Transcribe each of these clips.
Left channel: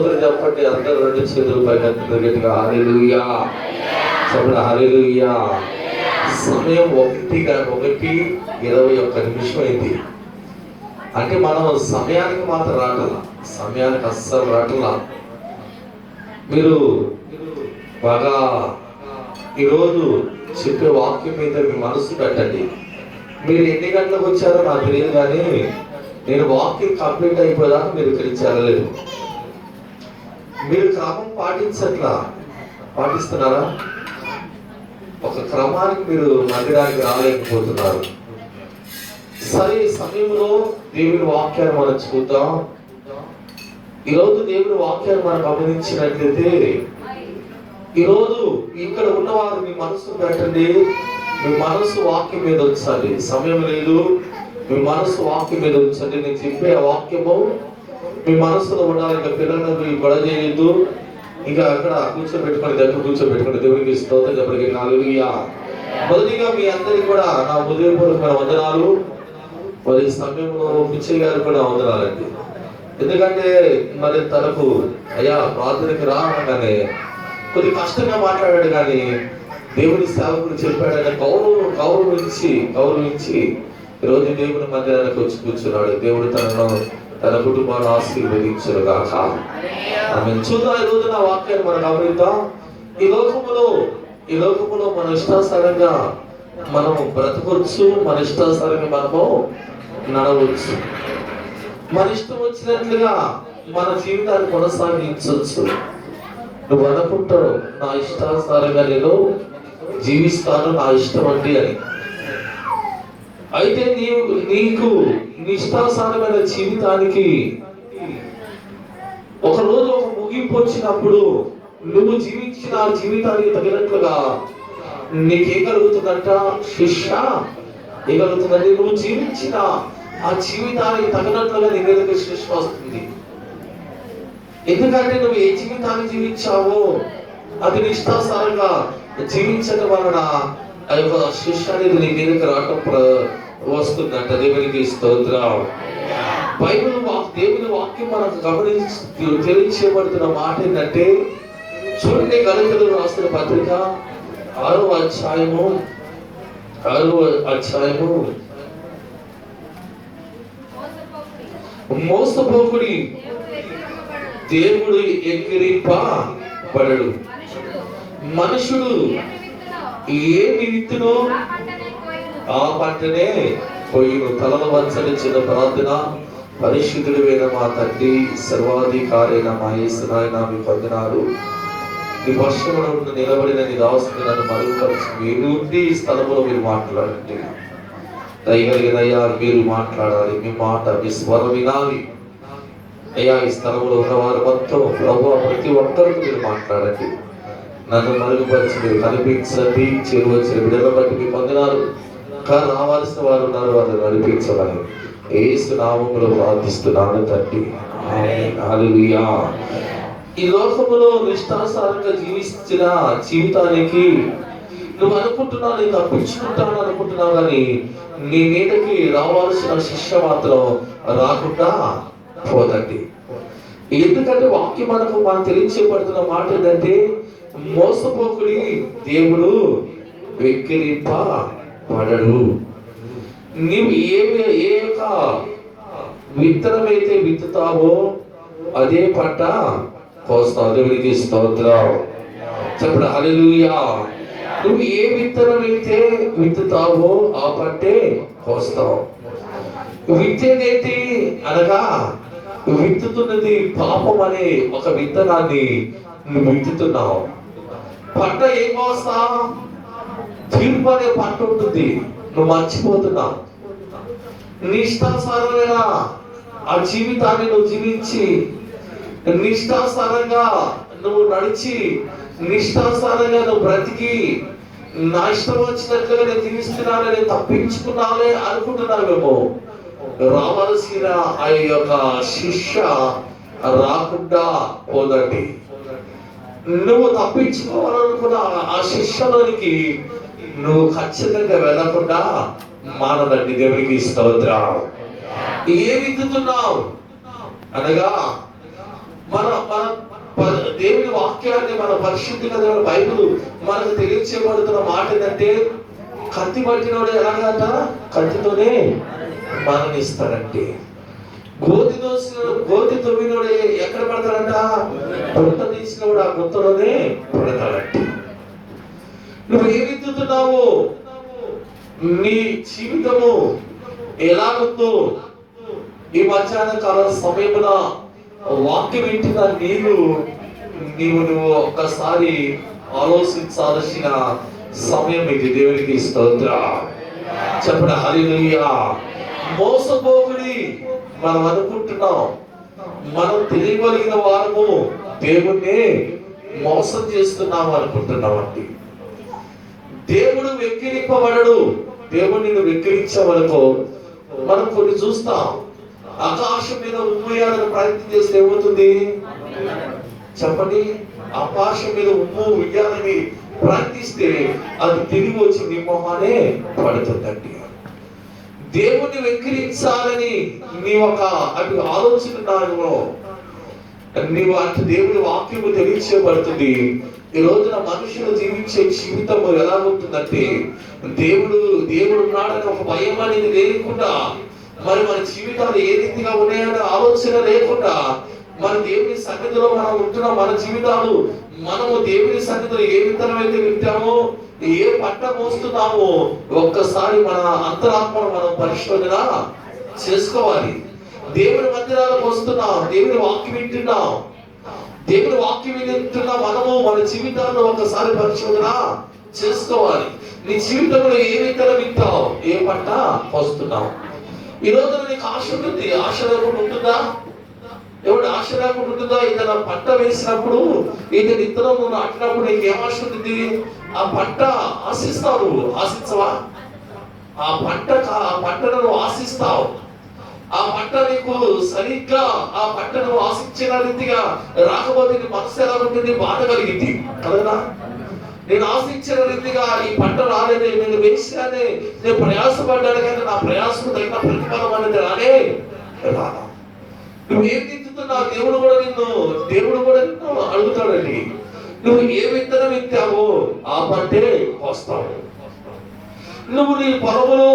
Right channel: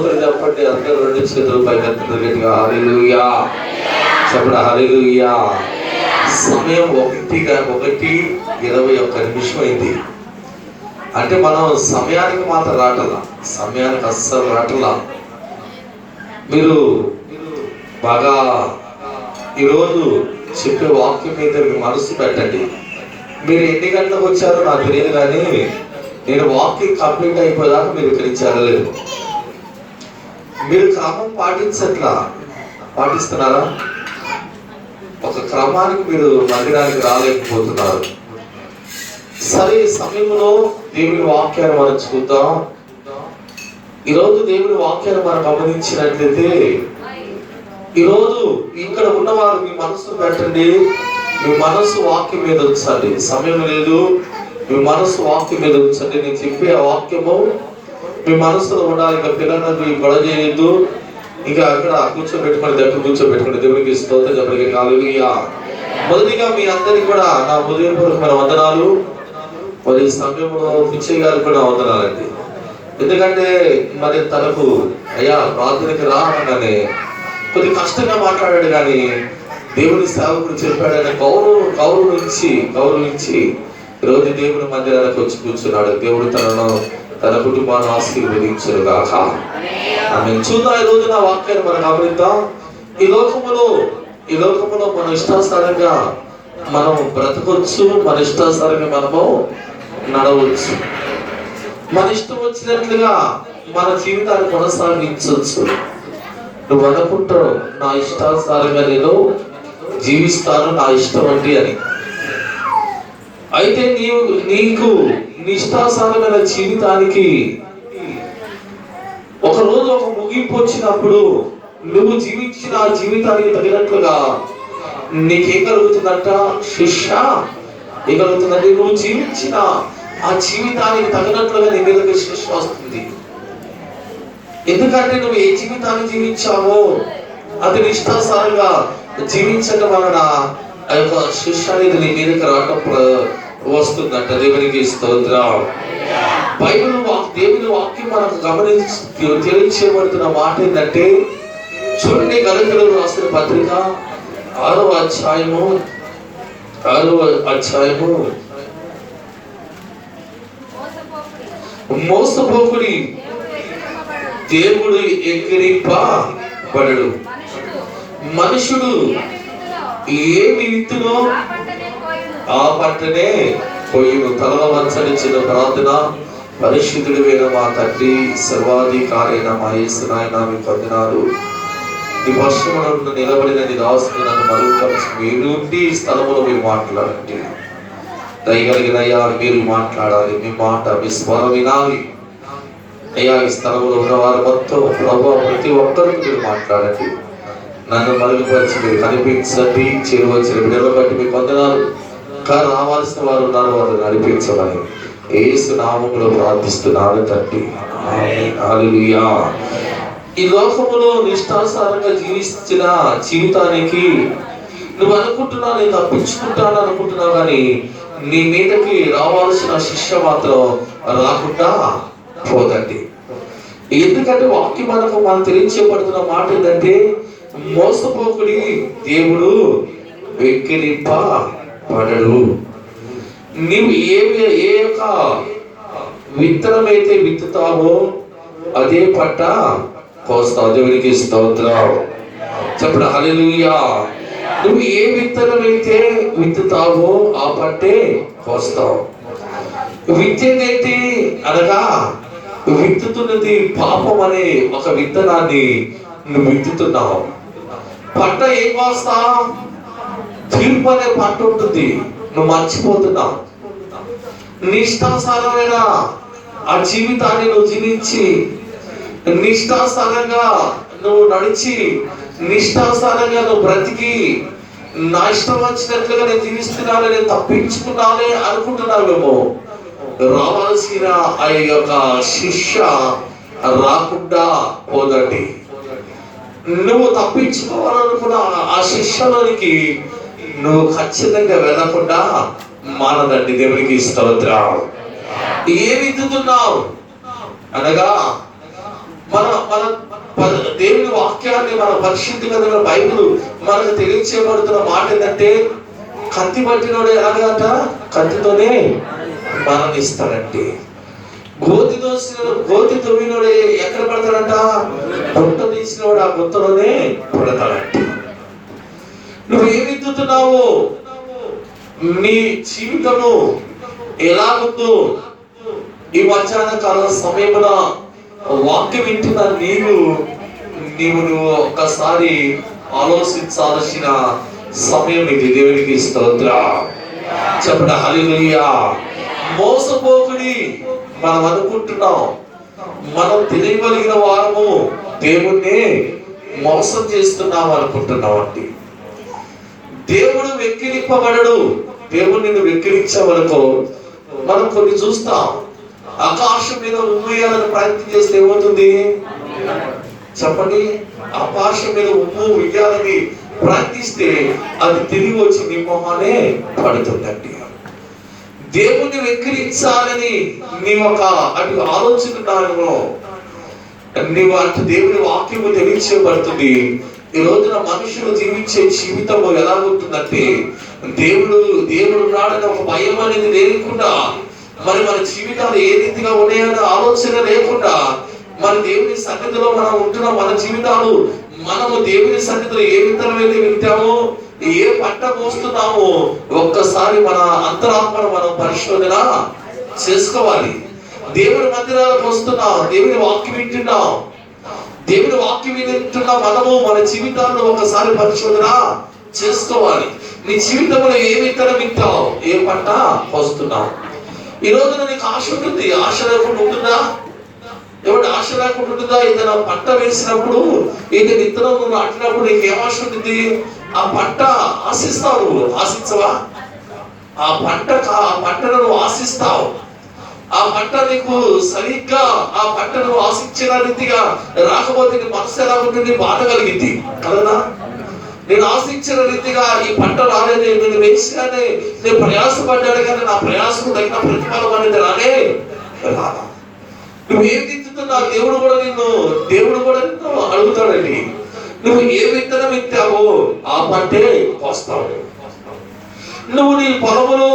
చెప్పండి అందరూ రెండు చేతులు పైకెత్తండి గట్టిగా హల్లెలూయా చెప్పండి హల్లెలూయా. సమయం 1:21 అయింది. అంటే మనం సమయానికి మాత్రం రాటలా, సమయానికి అస్సలు రాటలా. మీరు బాగా ఈరోజు చెప్పే వాక్యం మీద మీ మనసు పెట్టండి. మీరు ఎన్ని గంటలకు వచ్చారో నాకు తెలియదు, కానీ నేను వాకింగ్ కంప్లీట్ అయిపోయేదాకా మీరు ఇక్కడికి చేరలేదు. మీరు క్రమం పాటిస్తున్నారా? ఒక క్రమానికి మీరు మందిరానికి రాలేకపోతున్నారు. సరే, సమయంలో దేవుని వాక్యాన్ని మనం చూద్దాం. ఈరోజు దేవుని వాక్యాన్ని మనం గమనించినట్లయితే, ఈరోజు ఇక్కడ ఉన్నవారు మీ మనసు పెట్టండి, మీ మనసు వాక్యం మీద ఉంచండి. సమయం లేదు, మీ మనసు వాక్యం మీద ఉంచండి. నేను చెప్పే వాక్యము మీ మనసులో ఉండాలి. ఇంకా పిల్లలకు గొడవ చేయొద్దు. ఇంకా అక్కడ కూర్చోబెట్టుకుని దేవునికి స్తోత్రం చెప్పండి హల్లెలూయా. మొదటిగా మీ అందరికి కూడా నా హృదయపూర్వకమైన వందనాలు. మరి సమయంలో పిచ్చయ్య గారికి కూడా వందనాలండి. ఎందుకంటే మరి తనకు అయ్యా ప్రార్థనకి రాగానే కొద్ది కష్టంగా మాట్లాడాడు, కానీ దేవుని సేవకుడు చెప్పాడని గౌరవించి ఈరోజు దేవుని మందిరానికి వచ్చి కూర్చున్నాడు. దేవుడు తన కుటుంబాన్ని ఆశీర్వదించును గాక. ఆమేన్. చూద్దాం, ఈ రోజు నా వాక్యాన్ని మనం గమనిద్దాం. ఈ లోకములో మన ఇష్టానుసారంగా మనం బ్రతకొచ్చు, మన ఇష్టానుసారంగా మనము నడవచ్చు, మన ఇష్టం వచ్చినట్లుగా మన జీవితాన్ని కొనసాగించవచ్చు. నువ్వు అనుకుంటావు నా ఇష్టానుసారంగా నేను జీవిస్తాను, నా ఇష్టం అండి అని. అయితే నీకు ఇష్టానుసారమైన జీవితానికి ఒక రోజు ఒక ముగింపు వచ్చినప్పుడు నువ్వు జీవించిన జీవితానికి తగినట్లుగా నీకేం కలుగుతుందంట? శిక్ష ఏం కలుగుతుందంటే నువ్వు జీవించిన ఆ జీవితానికి తగినట్లుగా నీ మీదకి శిక్ష వస్తుంది. ఎందుకంటే నువ్వు ఏ జీవితాన్ని జీవించావో అది ఇష్టానుసారంగా జీవించడం వలన ఆ యొక్క శిక్ష అనేది నీ మీదకి రావటం వస్తుందంట. దేవునికి స్తోత్రం. దేవుని వాక్యం మనకు తెలియచేయబడుతున్న మాట ఏంటంటే, చూడండి, గలతీయులకు రాసిన పత్రిక 6వ అధ్యాయము మోసపోకుడి, దేవుడు ఎక్కిరింపబడడు. మనుషుడు ఏమి విత్తునో ఆ పంటనే కొయ్యును. తలలో వంచనిచ్చిన ప్రార్థన. పరిశుద్ధుడైన మా తండ్రి, సర్వాధికారైన మా యేసు నాయనా, మీకు వందనాలు. నీ పశ్చిమలో నిలబడిన నీ దాసుని నన్ను మరుగుపరిచి మీరు ఈ స్థలంలో మీరు మాట్లాడండి. దయగలిగిన అయ్యా మీరు మాట్లాడాలి, మీ మాట మీ స్వరం వినాలి. అయ్యా ఈ స్థలంలో ఉన్నవారు మొత్తం ప్రభు ప్రతి ఒక్కరికి మీరు మాట్లాడండి. నన్ను మరుగుపరిచి మీరు కనిపించండి. చేరువచ్చిన బిడ్డలను బట్టి మీకు వందనాలు. రావాల్సిన వారు ఉన్నారు, వారు నడిపించమని యేసు నామములో ప్రార్థిస్తున్నాను తండ్రి. హల్లెలూయా. ఈ లోకములో నిష్ఠానుసారంగా జీవించిన జీవితానికి నువ్వు అనుకుంటున్నావు, నేను తప్పించుకుంటాను అనుకుంటున్నావు, కానీ నీ మీదకి రావాల్సిన శిక్ష మాత్రం రాకుండా పోదండి. ఎందుకంటే వాక్యం మనం తెలియచేయబడుతున్న మాట ఏంటంటే, మోసపోకుడి, దేవుడు వెక్కిరింపబడడు. నీవు ఏ యొక్క విత్తనమైతే విత్తుతావో అదే పంట కోస్తావు. దేవునికి స్తోత్రం చెప్పండి హల్లెలూయా. నువ్వు ఏ విత్తనమైతే విత్తుతావో ఆ పంటే కోస్తావు. విత్తేదేంటి అనగా, విత్తుతున్నది పాపం అనే ఒక విత్తనాన్ని నువ్వు విత్తుతున్నావు. పంట ఏం కోస్తావు? తీర్పు అనే పంట ఉంటుంది, నువ్వు మర్చిపోతున్నావు. నిష్ఠానుసారమైన ఆ జీవితాన్ని నువ్వు జీవించి, నిష్ఠానుసారంగా నువ్వు నడిచి, నిష్ఠానుసారంగా నువ్వు బ్రతికి, నా ఇష్టం వచ్చినట్లుగా నేను జీవిస్తున్నాను, నేను తప్పించుకున్నానే అనుకుంటున్నావేమో. రావాల్సిన ఆ యొక్క శిక్ష రాకుండా పోదండి. నువ్వు తప్పించుకోవాలనుకున్న ఆ శిక్షలోనికి నువ్వు ఖచ్చితంగా వెళ్ళకుండా మానదండి. దేవునికి స్తోత్రం. ఏ విత్తుతున్నావు అనగా మన మన దేవుని వాక్యాన్ని, మన పరిశుద్ధ గ్రంథమైన బైబిల్ మనకు తెలియచేయబడుతున్న మాట ఏంటంటే, కత్తి పట్టినోడు ఎలాగంట, కత్తితోనే మరణిస్తాడంటే. గోతి తవ్వినోడు ఎక్కడ పడతాడంట, గుంట తీసినోడు ఆ గుంతలోనే పడతాడంటే. నువ్వు ఏమి ఎత్తుతున్నావు, నీ జీవితము ఎలాగుందో ఈ మధ్యాహ్న కాల సమయమున వాక్యం వింటున్న నువ్వు ఒక్కసారి ఆలోచించాల్సిన సమయం ఇది. దేవునికి స్తోత్రం చెప్పండి, హల్లెలూయా. మోసపోకుడి. మనం అనుకుంటున్నాం మనం తెలియగలిగిన వారము దేవుణ్ణి మోసం చేస్తున్నాం అనుకుంటున్నాం అండి. దేవుడు వెక్కిరింపబడడు. దేవుడు నిన్ను వెక్కిరించవనుకో, మనం కొన్ని చూస్తాం. ఆకాశం మీద ఉమ్మేయాలని ప్రయత్నం చేస్తే ఏమవుతుంది చెప్పండి? ఆకాశం మీద ఉమ్ము వేయాలని ప్రయత్నిస్తే అది తిరిగి వచ్చి నీ మొహానే పడుతుందండి. దేవుణ్ణి వెక్కిరించాలని అటు ఆలోచనలో నీవు అటు దేవుని వాక్యము తెలియచేయబడుతుంది. ఈ రోజున మనుషులు జీవించే జీవితము ఎలా ఉంటుందంటే, దేవుడు నాడని ఒక భయం అనేది లేకుండా, మరి మన జీవితాలు ఏ రీతిగా ఉన్నాయనే ఆలోచన లేకుండా, మన దేవుని సన్నిధిలో మనం ఉంటున్న మన జీవితాలు, మనము దేవుని సన్నిధిలో ఏ విత్తనమైతే వింటామో, ఏ పంట మోస్తున్నామో ఒక్కసారి మన అంతరాత్మను మనం పరిశోధన చేసుకోవాలి. దేవుని మందిరాలకు వస్తున్నాం, దేవుని వాక్యం వింటున్నాం, దేవుని వాక్యం వింటున్న మనము మన జీవితాల్లో ఒకసారి పరిశోధన చేసుకోవాలి. నీ జీవితంలో ఏ విత్తనం వింటావు, ఏ పంట పోస్తున్నావు. ఈ రోజున నీకు ఆశ ఉంటుంది, ఆశ లేకుండా ఉంటుందా? ఎవరి ఆశ లేకుండా ఉంటుందా? ఏదైనా పంట వేసినప్పుడు, ఏదైనా విత్తనం నాటినప్పుడు నీకు ఏం ఆశ ఉంటుంది? ఆ పంట ఆశిస్తావు, ఆశించవా? ఆ పంటను ఆశిస్తావు. ఆ పంట నీకు సరిగ్గా ఆ పంటను ఆశించిన రీతిగా రాకపోతే నీ మనసు ఎలా ఉంటుంది? బాధ కలిగింది కదా. నేను ఆశించిన రీతిగా ఈ పంట రాలేదు, నేను వేసినానే, నేను ప్రయాసపడ్డాను కానీ నా ప్రయాసం తగిన ప్రతిఫలం అనేది రాదా. నువ్వు ఏం తింటున్నావు? దేవుడు కూడా నిన్ను అడుగుతాడండి. నువ్వు ఏ విత్తనం విత్తావో ఆ పంటే వస్తావు. నువ్వు నీ పొలములో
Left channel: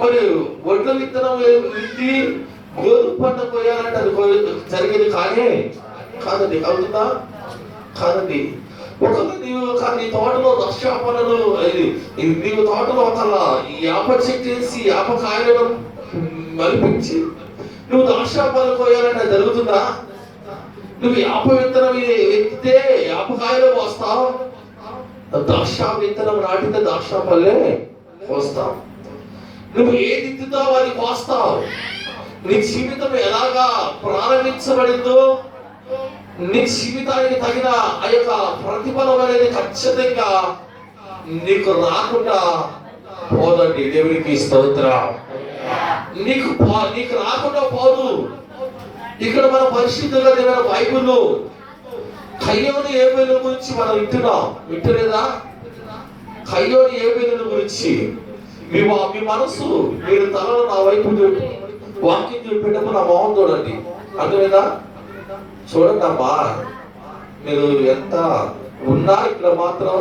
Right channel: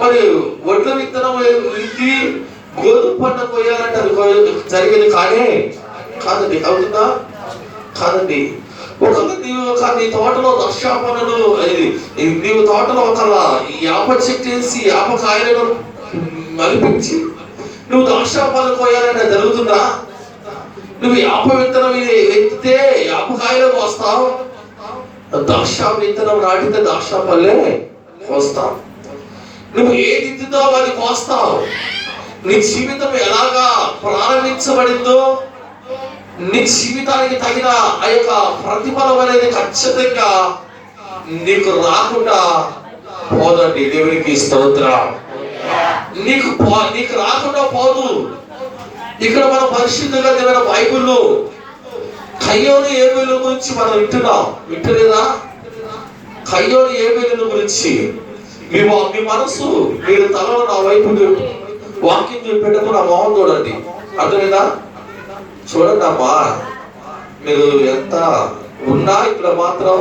మరి వడ్ల విత్తనం విత్తి గోధుమ పంట పోయాలంటే అది జరిగేది కాదండి. అవుతుందా? కాదండి. నీ తోటలో దర్శాపనలు, నీవు తోటలో ఒక యాప చెట్టేసి యాప కాయలను మలిపించి నువ్వు దర్శాపనలు పోయాలంటే జరుగుతుందా? నువ్వు యాప విత్తనం ఎత్తితే యాప కాయలు వస్తావు, ద్రాక్ష విత్తనం నాటితే ద్రాక్ష పల్లె కోస్తావు. నువ్వు ఏది ఎత్తుతావు అది కోస్తావు. నీ జీవితం ఎలాగా ప్రారంభించబడిందో నీ జీవితానికి తగిన ఆ యొక్క ప్రతిఫలం అనేది ఖచ్చితంగా నీకు రాకుండా పోదండి. దేవునికి స్తోత్రం. నీకు రాకుండా పోదు. ఇక్కడ మన పరిశుద్ధంగా తెలియని బైబిల్లో కయ్యోను ఏబేలు గురించి మనం వింటలేదా? కయ్యోను ఏబేలు గురించి మీ మనసు, మీరు తలలో నా వైపు వాక్యం చెప్పేటప్పుడు నా మొహం చూడండి. అర్థమైందా? చూడండి అమ్మా, మీరు ఎంత ఉన్నా ఇక్కడ మాత్రం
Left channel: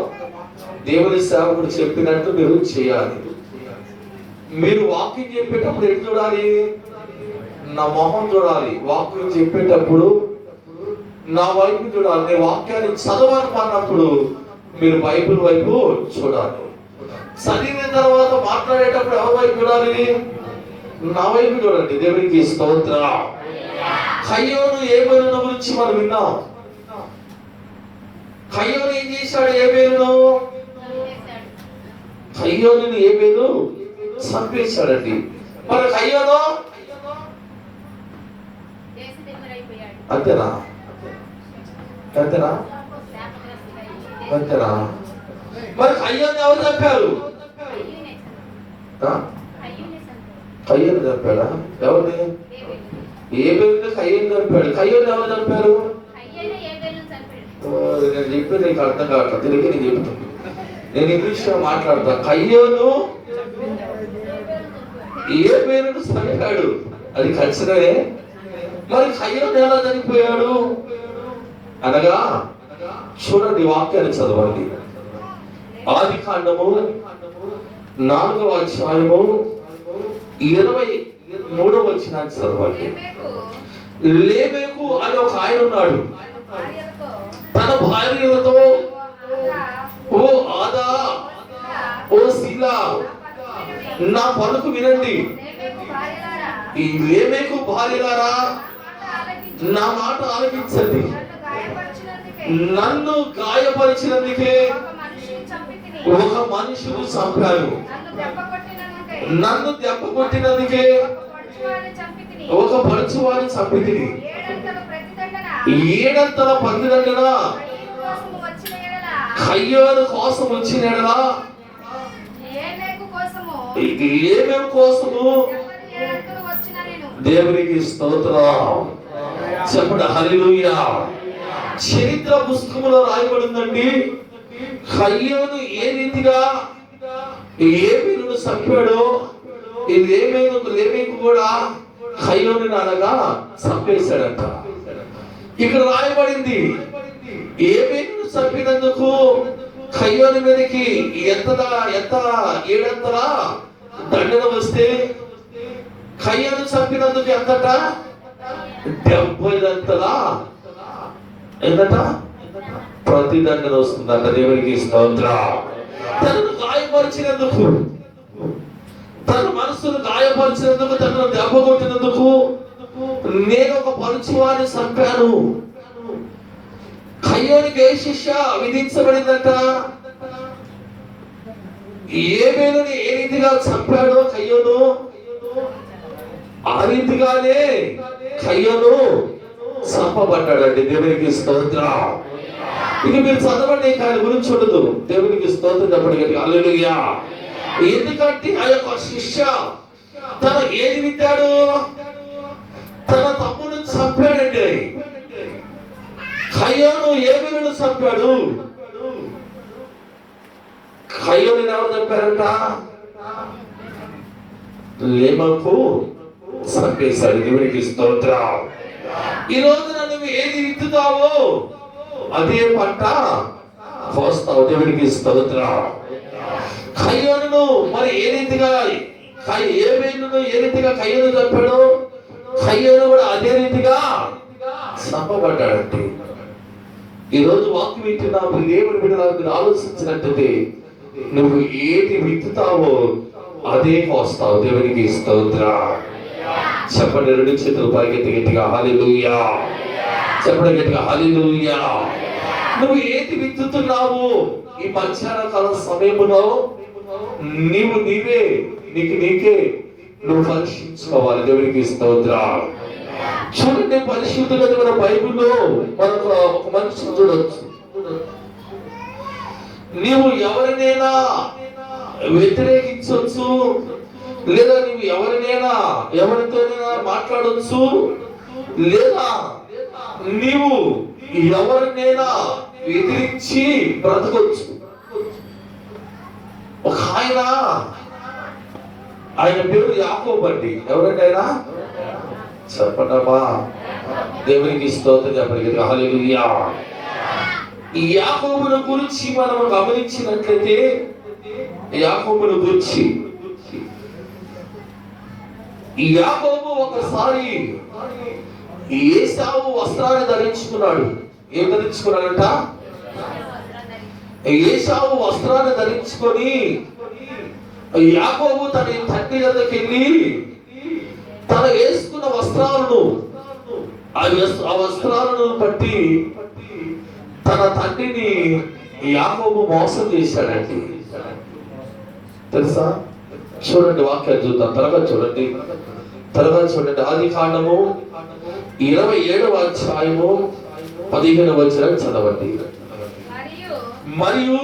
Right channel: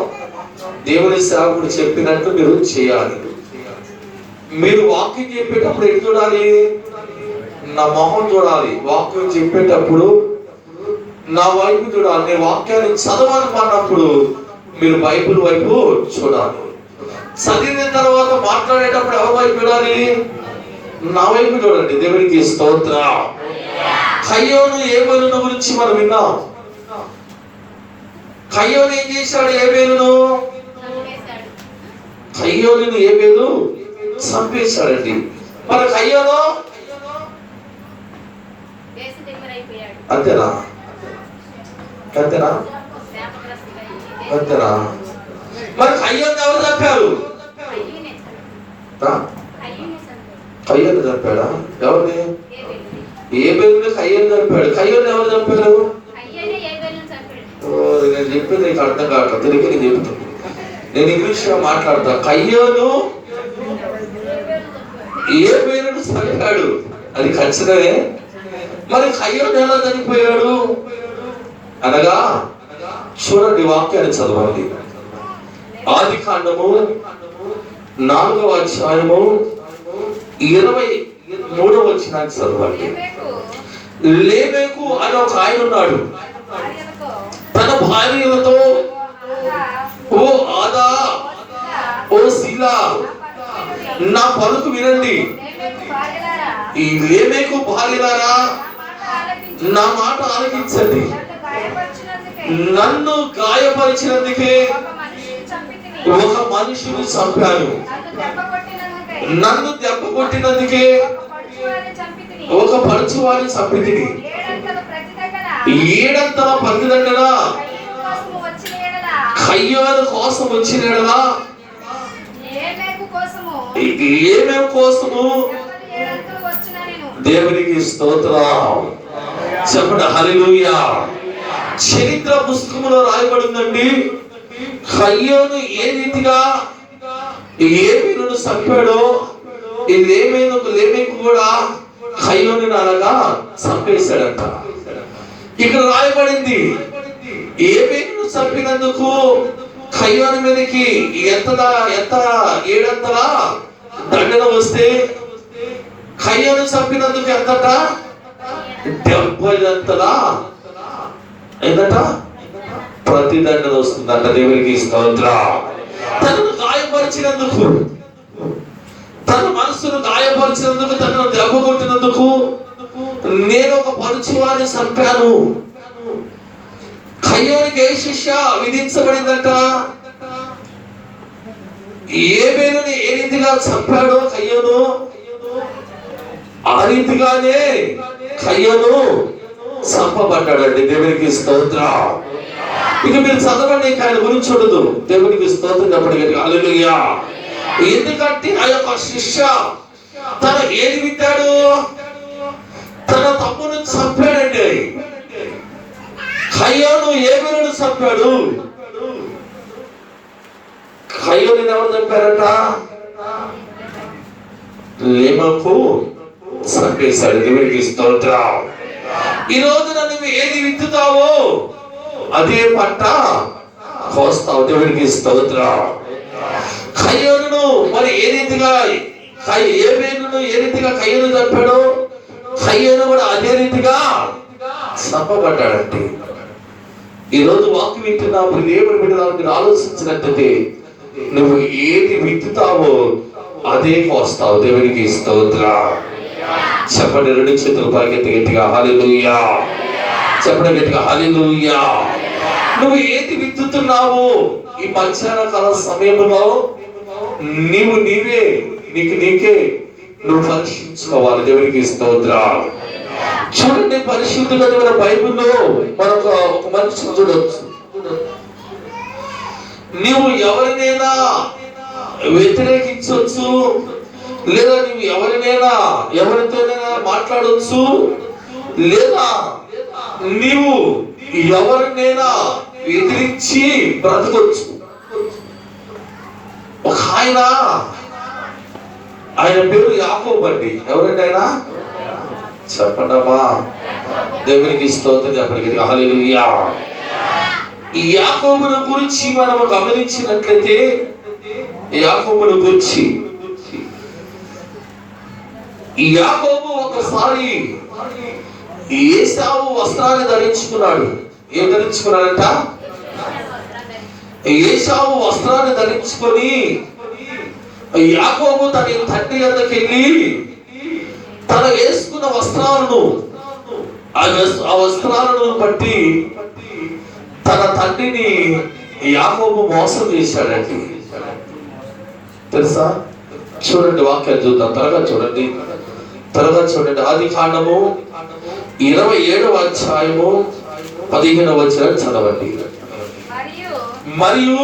దేవుని సేవకుడు చెప్పినట్టు మీరు చేయాలి. మీరు వాక్యం చెప్పేటప్పుడు ఎటు చూడాలి? నా మొహం చూడాలి. వాక్యం చెప్పేటప్పుడు నా వైపు చూడాలి. నేను వాక్యాన్ని చదవాలి అన్నప్పుడు మీరు బైబిల్ వైపు చూడాలి. చదివిన తర్వాత మాట్లాడేటప్పుడు ఎవరి వైపు చూడాలి? నా వైపు చూడండి. దేవునికి స్తోత్రం. కయ్యోను ఏబేలును గురించి మనం విన్నాం. కయ్యోను ఏం చేశాడు? కయ్యోనుని ఏబేలు చంపేశాడండి. మరి కయ్యోను అంతేనా? మరి కయ్యోను ఎవరు చంపారు? కయ్యోను చంపాడా? ఎవరిని? ఏబేలుని కయ్యోను చంపాడు. కయ్యోను ఎవరు చంపారు? నేను చెప్పేది నీకు అర్థం కావట్లేదు. తిరిగి నేను చెప్తాను. నేను ఇంగ్లీష్ లో మాట్లాడతా. కయ్యోను ఏబేలును చంపాడు, అది ఖచ్చితమే. మరి కయ్యోను ఎలా చనిపోయాడు అనగా చూడండి, వాక్యాన్ని చదవండి. ఆదికాండము 4వ అధ్యాయము 23వ వచనాన్ని చదవండి. లేమెకు అనే ఒక ఆయన ఉన్నాడు. తన భార్యలతో, ఓ ఆదా, ఓ శీలా, నా పలుకు వినండి. ఈ లేమెకు భార్యలారా, నా మాట ఆలకించండి. నన్ను గాయపరిచినందుకే ఒక మనిషిని చంపాను. నన్ను దెబ్బ కొట్టినందుకే ఒక పడుచువారిని చంపితిని. 7 ప్రతిదండన కయ్యోను కోసం వచ్చిన ఎడల, ఏమేం కోసము? దేవునికి స్తోత్రం చెప్పండి, హల్లెలూయా. చరిత్ర పుస్తకంలో రాయబడిందండి, కయ్యోను ఏ రీతిగా ఏమేను చంపాడో, ఈ లేమెకు కూడా కయ్యోను అలాగా చంపేశాడంట. ఇక్కడ రాయబడింది, ఏమేను చంపినందుకు కయ్యోను మీదకి ఎంత 7 దండన వస్తే, కయ్యోను చంపినందుకు ఎంతట? 70 ఏంటట ప్రతి దండన వస్తుందంట. దేవునికి స్తోత్రం. తనను గాయపరిచినందుకు, తన మనసును గాయపరిచినందుకు, తనను దెబ్బ కొట్టినందుకు నేను ఒక పరుచువారిని చంపాను. కయ్యోనికి ఏ శిక్ష విధించబడిందంట? ఏబేలుని ఏ రీతిగా చంపాడో కయ్యోను, ఆ రీతిగానే కయ్యోను చంపబడ్డాడండి. దేవునికి స్తోత్రం. ఇక మీరు చదవండి, ఆయన గురించి ఉండదు. దేవునికి స్తోత్రం చెప్పండి, హల్లెలూయా. ఎందుకంటే ఆ యొక్క శిష్య తన ఏది విద్దాడు? తన తమ్మును చంపాడండి. కయ్యోను ఏబేలును చంపాడు. కయ్యోనుని ఎవరు చంపారంట? లేమెకు చంపేశాడు. దేవునికి స్తోత్రం. ఈ రోజున నువ్వు ఏది విత్తుతావో అదే పంట కోస్తావు. దేవునికి స్తోత్రం. కయ్యోనును మరి ఏ రీతిగా ఏబేలును ఏ రీతిగా కయ్యోను చంపాడో, కయ్యోను కూడా అదే రీతిగా చంపబడ్డాడంటే, ఈరోజు వాక్యం వింటున్నావు, దేవుని బిడ్డలకు ఆలోచించినట్లయితే నువ్వు ఏది విత్తుతావో అదే కోస్తావు. దేవునికి స్తోత్రం. చెప్పండి, 2 చేతులు పైకెత్తి గట్టిగా హల్లెలూయా. చెప్పండి గట్టిగా హల్లెలూయా. నువ్వు ఏది విత్తుతున్నావు ఈ మధ్యాహ్న కాల సమయంలో నీకే నువ్వు పరీక్షించుకోవాలి. దేవునికి స్తోత్రం. చూడండి, పరిశుద్ధమైన బైబిల్లో మనకు ఒక మనిషిని చూడవచ్చు. నీవు ఎవరినైనా వ్యతిరేకించవచ్చు, లేదా నువ్వు ఎవరితోనైనా మాట్లాడవచ్చు, లేదా నీవు ఎవరినైనా ఎదిరించి బ్రతకొచ్చు. ఒక ఆయన పేరు యాకోబు అండి. ఎవరండి ఆయన? చెప్పండమ్మా. దేవునికి స్తోత్రం చెప్పండి, హల్లెలూయా. ఈ యాకోబును గురించి మనం గమనించినట్లయితే, యాకోబును గురించి యాకోబు ఒకసారి ఏశావు వస్త్రాన్ని ధరించుకున్నాడు. ఏం ధరించుకున్నాడంట? ఏశావు వస్త్రాన్ని ధరించుకొని యాకోబు తన తండ్రి వద్దకు వెళ్ళి తన వేసుకున్న వస్త్రాలను, ఆ వస్త్రాలను బట్టి తన తండ్రిని యాకోబు మోసం చేశాడండి. తెలుసా? చూడండి, వాక్యాన్ని చూద్దాం. త్వరగా చూడండి. ఆదికాండము 27వ అధ్యాయము 15వ వచనం చదవండి. మరియు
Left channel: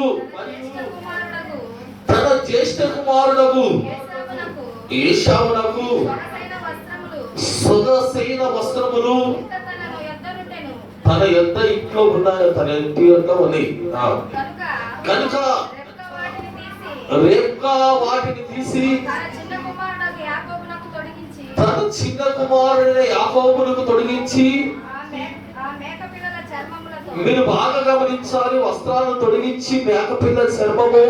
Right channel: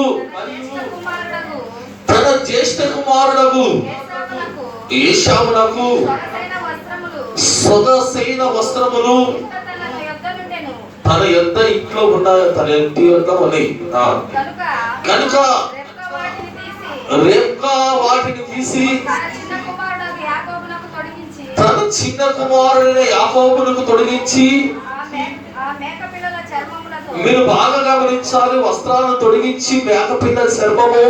తన జ్యేష్ఠ కుమారుడగు ఏశావునకు సొగసైన వస్త్రములు తన యొద్ద ఇంట్లో ఉన్న, తన ఇంటి యొద్ద ఉన్నాయి కనుక రేప్కా వాటిని తీసి తన చిన్న కుమారుడైన యాకోబునకు తొడిగించి, మీరు బాగా గమనించాలి, వస్త్రాలను తొడిగించి మేకపిల్ల చర్మము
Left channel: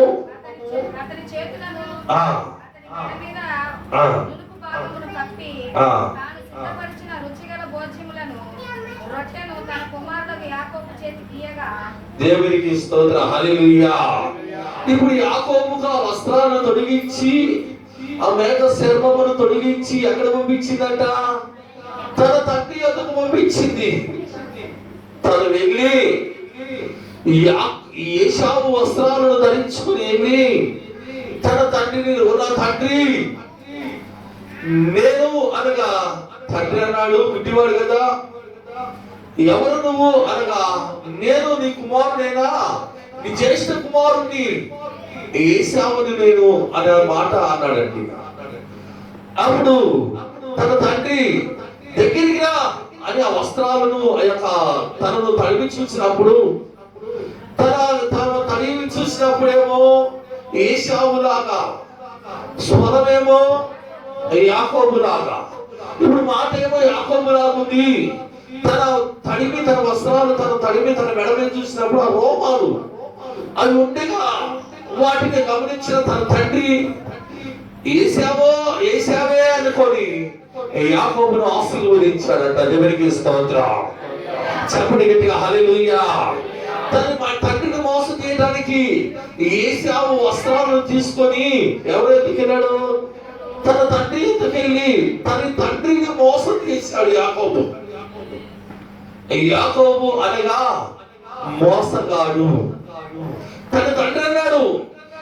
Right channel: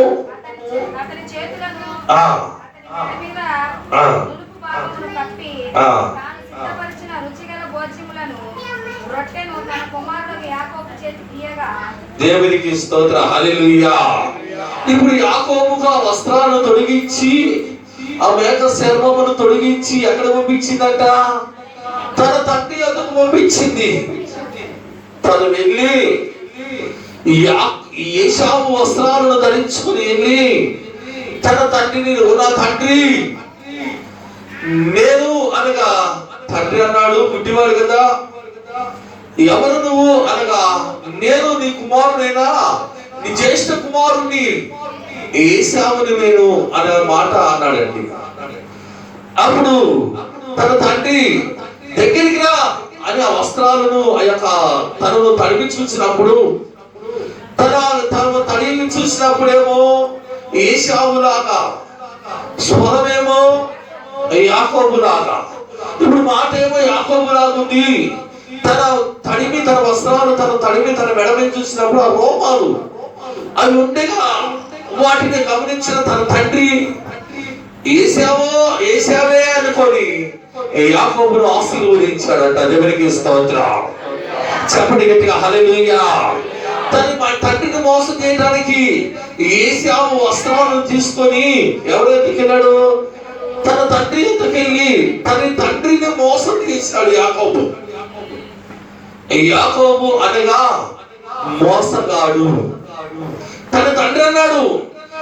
దేవునికి స్తోత్ర, హల్లెలూయా. ఇప్పుడు యాకోబుగా వస్త్రాలను తొడిగించి ఆ మేక చర్మమును తొడిగించి ఎక్కడ పంపించిందట? తన తండ్రి వద్దకు పంపించింది. తను వెళ్ళి ఏశావు వస్త్రాలను ధరించుకుని వెళ్ళి తన తండ్రిని, నా తండ్రి, నేను అనగా, తండ్రి అన్నాడు, గుడ్డివాడు కదా, ఎవరు నువ్వు అనగా, నేను నీ కుమారుడైనా, నీ జ్యేష్ఠ కుమారుణ్ణి ఏశావుని నేను అనే మాట అన్నాడండి. అప్పుడు తన తండ్రి దగ్గరికి రా అని ఆ వస్త్రాలను ఆ యొక్క తనను తడివి చూసినప్పుడు, తను తడివి చూసినప్పుడేమో ఏశావులాగా, స్వరమేమో యాకోబులాగా. ఇప్పుడు మాట ఏమో యాకోబులాగా ఉంది. తన వస్త్రాలు తన మెడమే చూసినప్పుడు ఆ రోమాలు అవి ఉండగా వాటిని గమనించిన తన తండ్రి ఏశావే అనుకొని యాకోబును ఆశీర్వదించాడంట. దేవునికి స్తోత్రం. చెప్పండి గట్టిగా, హల్లెలూయా. మా తండ్రిని మోసం చేయడానికి ఏశావు వస్త్రాలను తీసుకొని ఎవరు ఎత్తుకెళ్ళాడు? తన తండ్రి ఎత్తుకెళ్ళి తన తండ్రిని మోసం చేశాడు యాకోబు. యాకోబు అనగా మోసగాడు. తన తండ్రి అన్నాడు,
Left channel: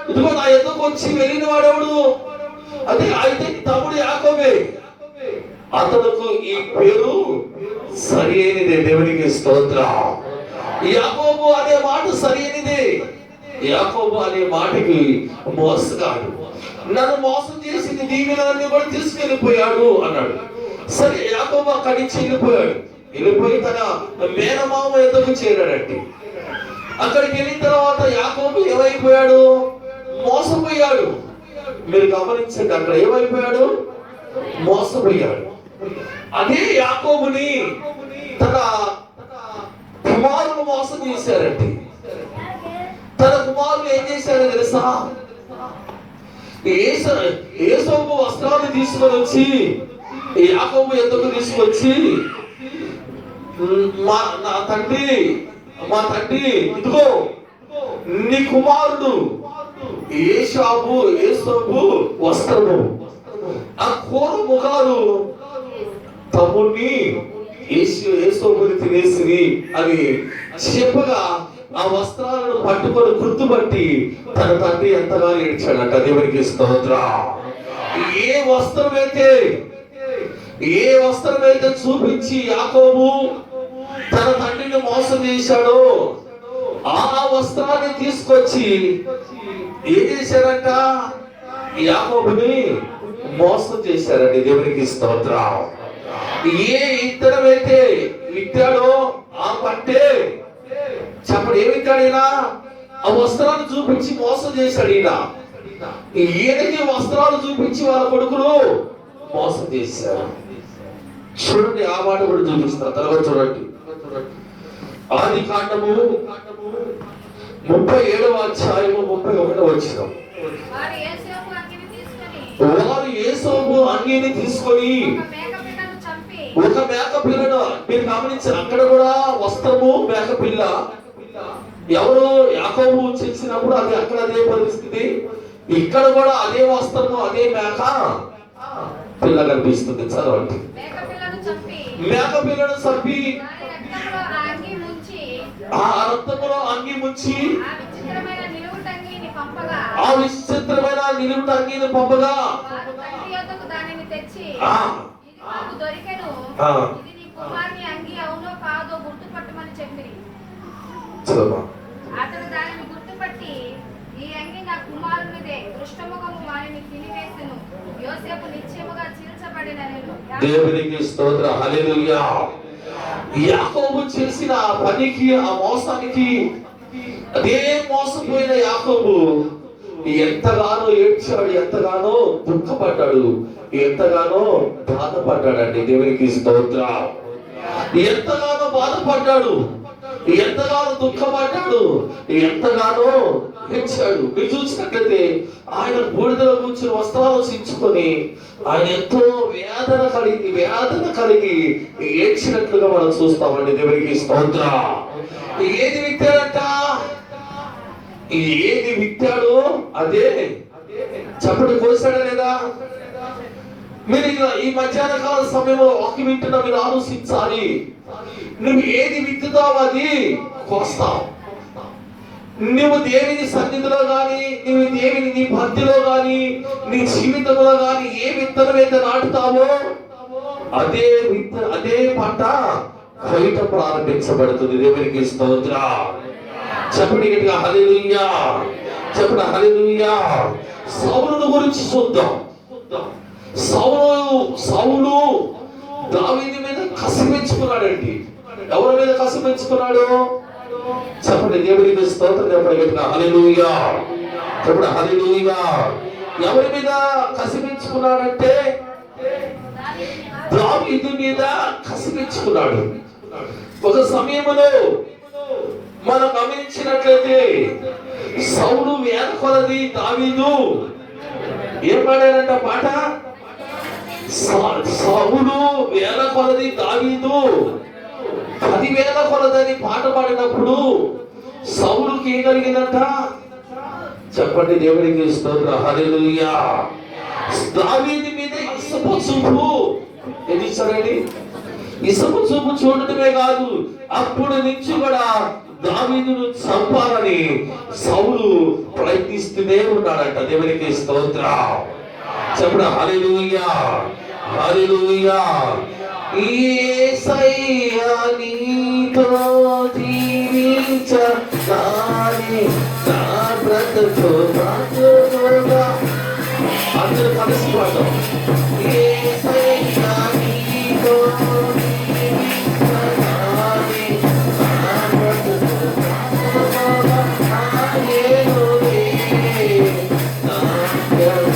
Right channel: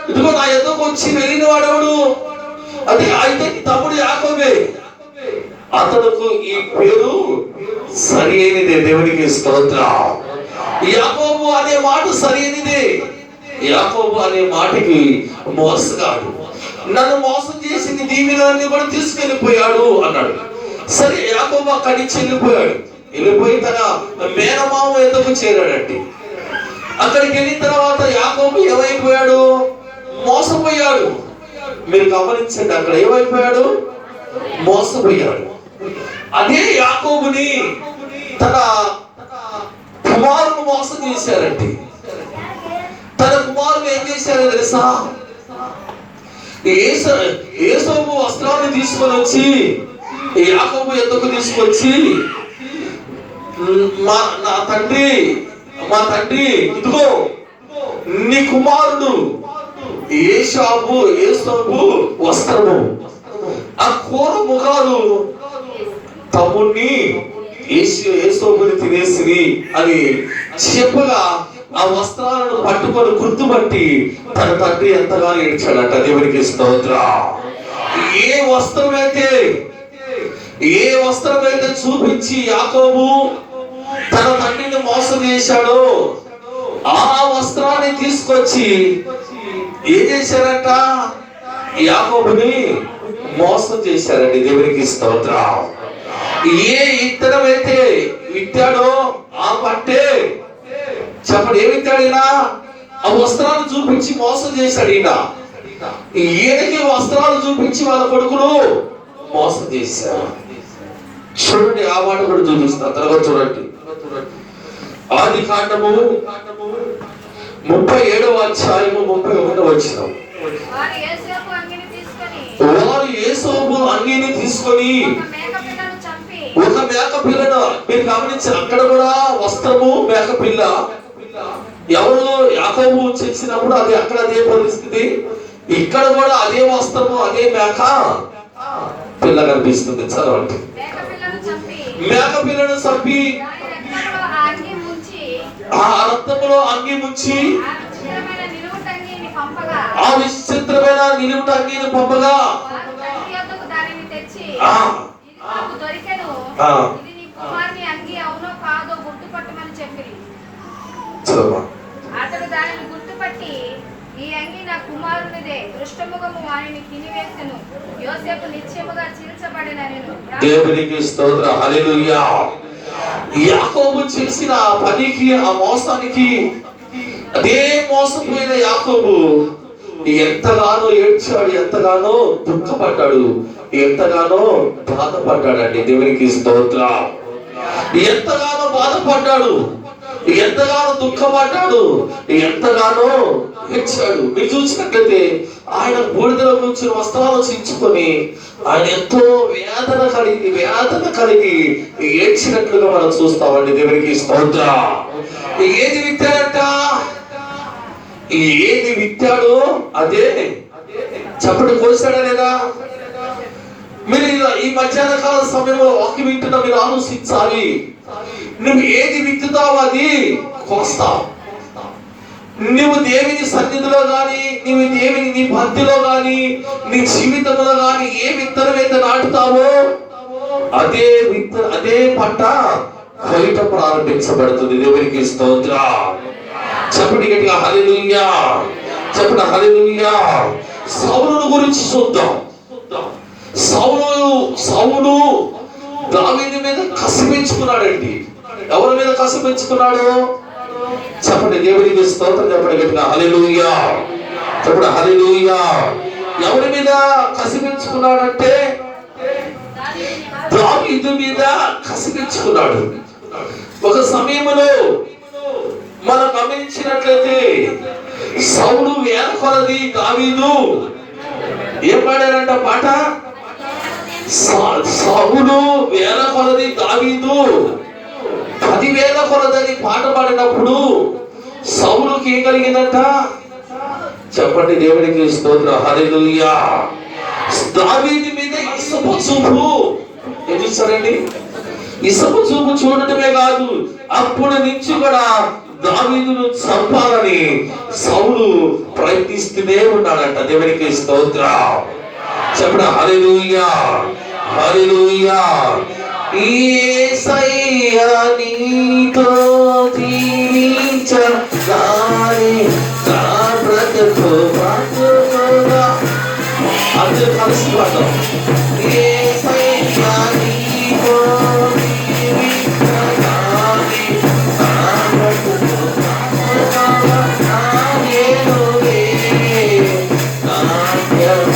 ఇదిగో నా ఎదుకు వచ్చి వెళ్ళిన వాడెవడు? అది అయితే తమ్ముడు యాకోబే. అతడుకు ఈ పేరు సరి అయినదే. దేవునికి స్తోత్రం. యాకోబు అనే మాట సరి అయినదే. యాకోబు అనే మాటకి మోసగాడు, నన్ను మోసం చేసింది దీవెనలన్నీ కూడా తీసుకెళ్ళిపోయాడు అన్నాడు. సరే, యాకోబు అక్కడి నుంచి వెళ్ళిపోయి తన మేనమామ ఎదుకు చేరాడండి. అక్కడికి వెళ్ళిన తర్వాత యాకోబు ఏమైపోయాడు? మోసపోయాడు. మీరు గమనించండి, అక్కడ ఏమైపోయాడు? మోసపోయాడు. అదే యాకోబుని తన కుమారుడు మోసం చేశారండి. తన కుమారుడు ఏం చేశారో తెలుసా? ఏసోబు వస్త్రాన్ని తీసుకొని వచ్చి యాకోబు ఎందుకు తీసుకొచ్చి, మా తండ్రి ఇదిగో నీ కుమారుడు ఏసోబు వస్త్రము, ఆ కూర ముఖాలు తమ్ముడిని ఏసోబుని తినేసి అని చెప్పగా ఆ వస్త్రాలను పట్టుకొని గుర్తుపట్టి తన తండ్రి ఎంతగానో ఏడ్చాడంట. దేవునికి స్తోత్రం. ఏ వస్త్రమైతే చూపించి యాకోబు తన తండ్రిని మోసం చేశాడో ఆ వస్త్రాన్ని తీసుకొచ్చి ఏం చేశారంట? యాకోబుని మోసం చేశారండి. దేవునికి స్తోత్రం. ఏ ఇత్తనమైతే విత్తాడో ఆ పట్టే, చెప్పండి, ఏమి విత్తాడైనా ఆ వస్త్రాలు చూపించి మోసం చేశాడు. ఈయనకి వస్త్రాలు చూపించి వాళ్ళ కొడుకులు మోసం చేశారు. చూడండి, ఆ మాట కూడా చూపిస్తారు. తర్వాత చూడండి, ఆదికాండము 37వ అధ్యాయము 31వ వచనం. వారు ఏసోబు అంగీని తీసుకొని ఒక మేక పిల్లను, మీరు గమనించారు, అక్కడ కూడా వస్త్రము మేక పిల్ల. ఎవరు? యాకోబు చేసినప్పుడు అది అక్కడ అదే పరిస్థితి, ఇక్కడ కూడా అదే వస్త్రము అదే మేక పిల్ల కనిపిస్తుంది. చదవండి. మేక పిల్లను చంపి ఆ రక్తంలో అంగి ముంచి ఆ విచిత్రమైన నిలువుట అంగీని పంపగా అతడు దానిని గుర్తుపట్టి, ఈ అంగి నా కుమారునిదే, దృష్టముఖము వానిని తినివేసెను, యోసేపు నిశ్చయముగా చీల్చబడినెను. దేవునికి స్తోత్రం, హల్లెలూయా. యాకోబు చేసిన పనికి, ఆ మోసానికి, అదే మోసపోయిన యాకోబు ఎంతగానో ఏడ్చాడు, ఎంతగానో దుఃఖపడ్డాడు, ఎంతగానో బాధపడ్డాడండి. దేవునికి స్తోత్రం. ఎంతగానో బాధపడ్డాడు, ఎంతగానో దుఃఖపడ్డాడు, ఎంతగానో ఏడ్చాడు. మీరు చూసినట్లయితే ఆయన బూడిదలో కూర్చుని వస్త్రాలు చించుకొని ఆయన ఎంతో వేదన కలిగి ఏడ్చినట్లుగా మనం చూస్తామండి. దేవునికి స్తోత్రం. ఏది విత్తాడంట? ఏది విత్తాడో అదే చప్పటి కోసాడా లేదా? మీరు ఈ మధ్యాహ్న కాల సమయంలో వాక్యం వింటున్నా మీరు ఆలోచించాలి. నువ్వు ఏది విత్తుతావు అది కోస్తావు. నువ్వు దేవుని సన్నిధిలో గాని, నువ్వు దేవుని నీ భక్తిలో గాని, నీ జీవితంలో గాని ఏ విత్తనం అయితే నాటుతావో అదే పంట కోయట ప్రారంభించబడుతుంది. దేవునికి స్తోత్రం. చెప్పండి గట్టిగా హల్లెలూయా, చెప్పండి హల్లెలూయా. సౌలును గురించి చూద్దాం. సౌలు దావీదు మీద కసి పెంచుకున్నాడండి. ఎవరి మీద కసి పెంచుకున్నాడు? చెప్పండి దేవునికి స్తోత్రం. చెప్పండి గట్టిగా హల్లెలూయా, చెప్పండి హల్లెలూయా. ఎవరి మీద కసి పెంచుకున్నాడంటే దావీదు మీద కసి పెంచుకున్నాడు. ఒక సమయంలో మనం గమనించినట్లయితే సౌలు వేల కొలది దావీదు ఏం పాడారంట పాట? సౌలు వేల కొలది దావీదు 10,000 కొలదని పాట పాడినప్పుడు సౌలుకి ఏం కలిగిందంట? చెప్పండి దేవునికి స్తోత్రం. హల్లెలూయా. దావీదు మీద ఇసుపు చూపు ఏం చూస్తారండి? ఇసుపు చూపు చూడటమే కాదు, అప్పటి నుంచి కూడా దావీదును చంపాలని సౌలు ప్రయత్నిస్తూనే ఉన్నాడంట. దేవునికి స్తోత్రం. చెప్పండి హల్లెలూయా, హల్లెలూయా. యేసయ్యా నీతో జీవించాలని నా బ్రతుకు బ్రతుకుగా. అందరూ కలిసి పాడదాం. యేసయ్యా నీతో జీవించాలని నా బ్రతుకు బ్రతుకుగా. నాయనువే నాట్యమాడేను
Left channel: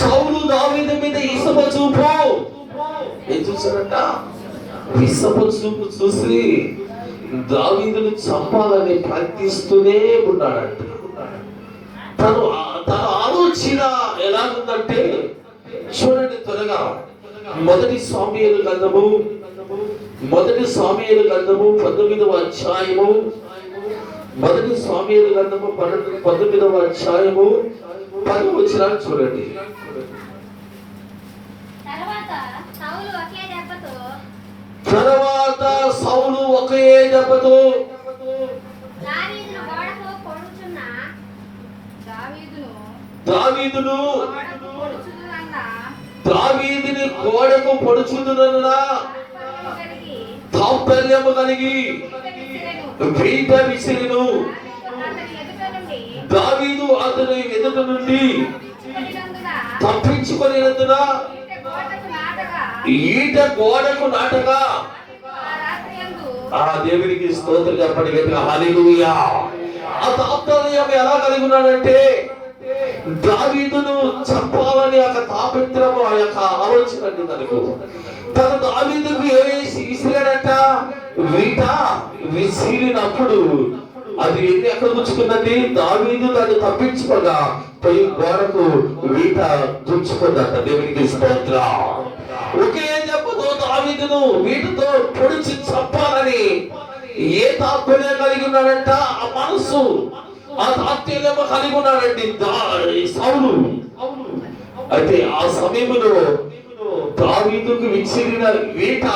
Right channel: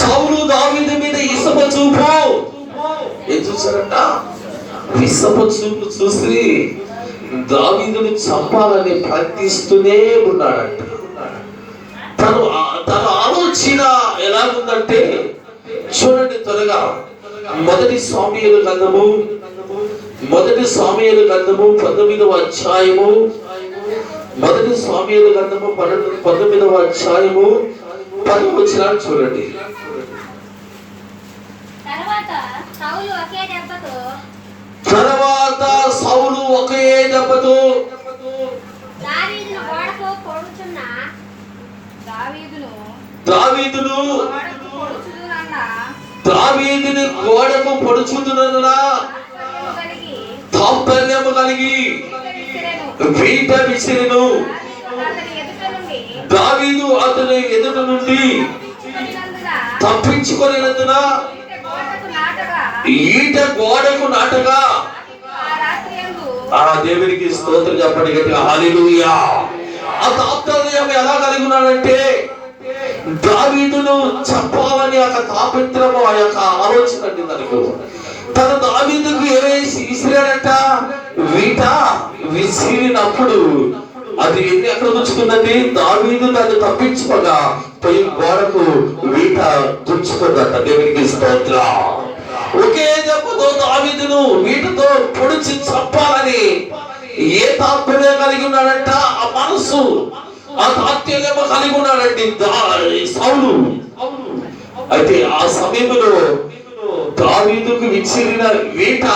సౌలు దావీదు మీద ఇసప చూపు ఏం చూశారంట? ఇసప చూపు చూసి దావీదును చంపాలని ప్రయత్నిస్తూనే ఉన్నాడంట. తన ఆలోచన ఎలాగుందంటే చూడండి త్వరగా మొదటి సామ్యూయేలు గ్రంథము 19వ అధ్యాయము 19వ అధ్యాయము 10వ వచనాన్ని చూడండి. తర్వాత సౌలు ఒకే దెబ్బతో దావీదుని గోడకు పొడుచుదునన్న తాత్పర్యము కలిగి వీట విసిరెను. దావీదు అతని ఎదుట నుండి తప్పించుకొనినందున ఈట గోడకు నాటగా. ఆ దేవునికి స్తోత్రం చెప్పండి గట్టిగా, హల్లెలూయా. ఆ తాత్పర్యం ఎలా కలిగి ఉన్నాడంటే దావీదును చంపాలని ఒక తాపత్రము, ఆ యొక్క ఆలోచన అండి తనకు. తన దావీదుకు ఏవేసి విసిరాడంట, వీట విసిరినప్పుడు అది ఎక్కడ దుచ్చుకుందండి? దావీదు దాన్ని తప్పించుకోగా పోయి గోడకు వీట దుచ్చుకుందట. దేవునికి స్తోత్రం. ఒకే దెబ్బతో దావీదును వీటితో పొడిచి చంపాలని ఏ తాత్పర్యం కలిగి ఉన్నాడంట? ఆ మనసు, ఆ తాత్పర్యం కలిగి ఉన్నాడండి సౌలు. అయితే ఆ సమయంలో దావీదుకు విసిరిన వీట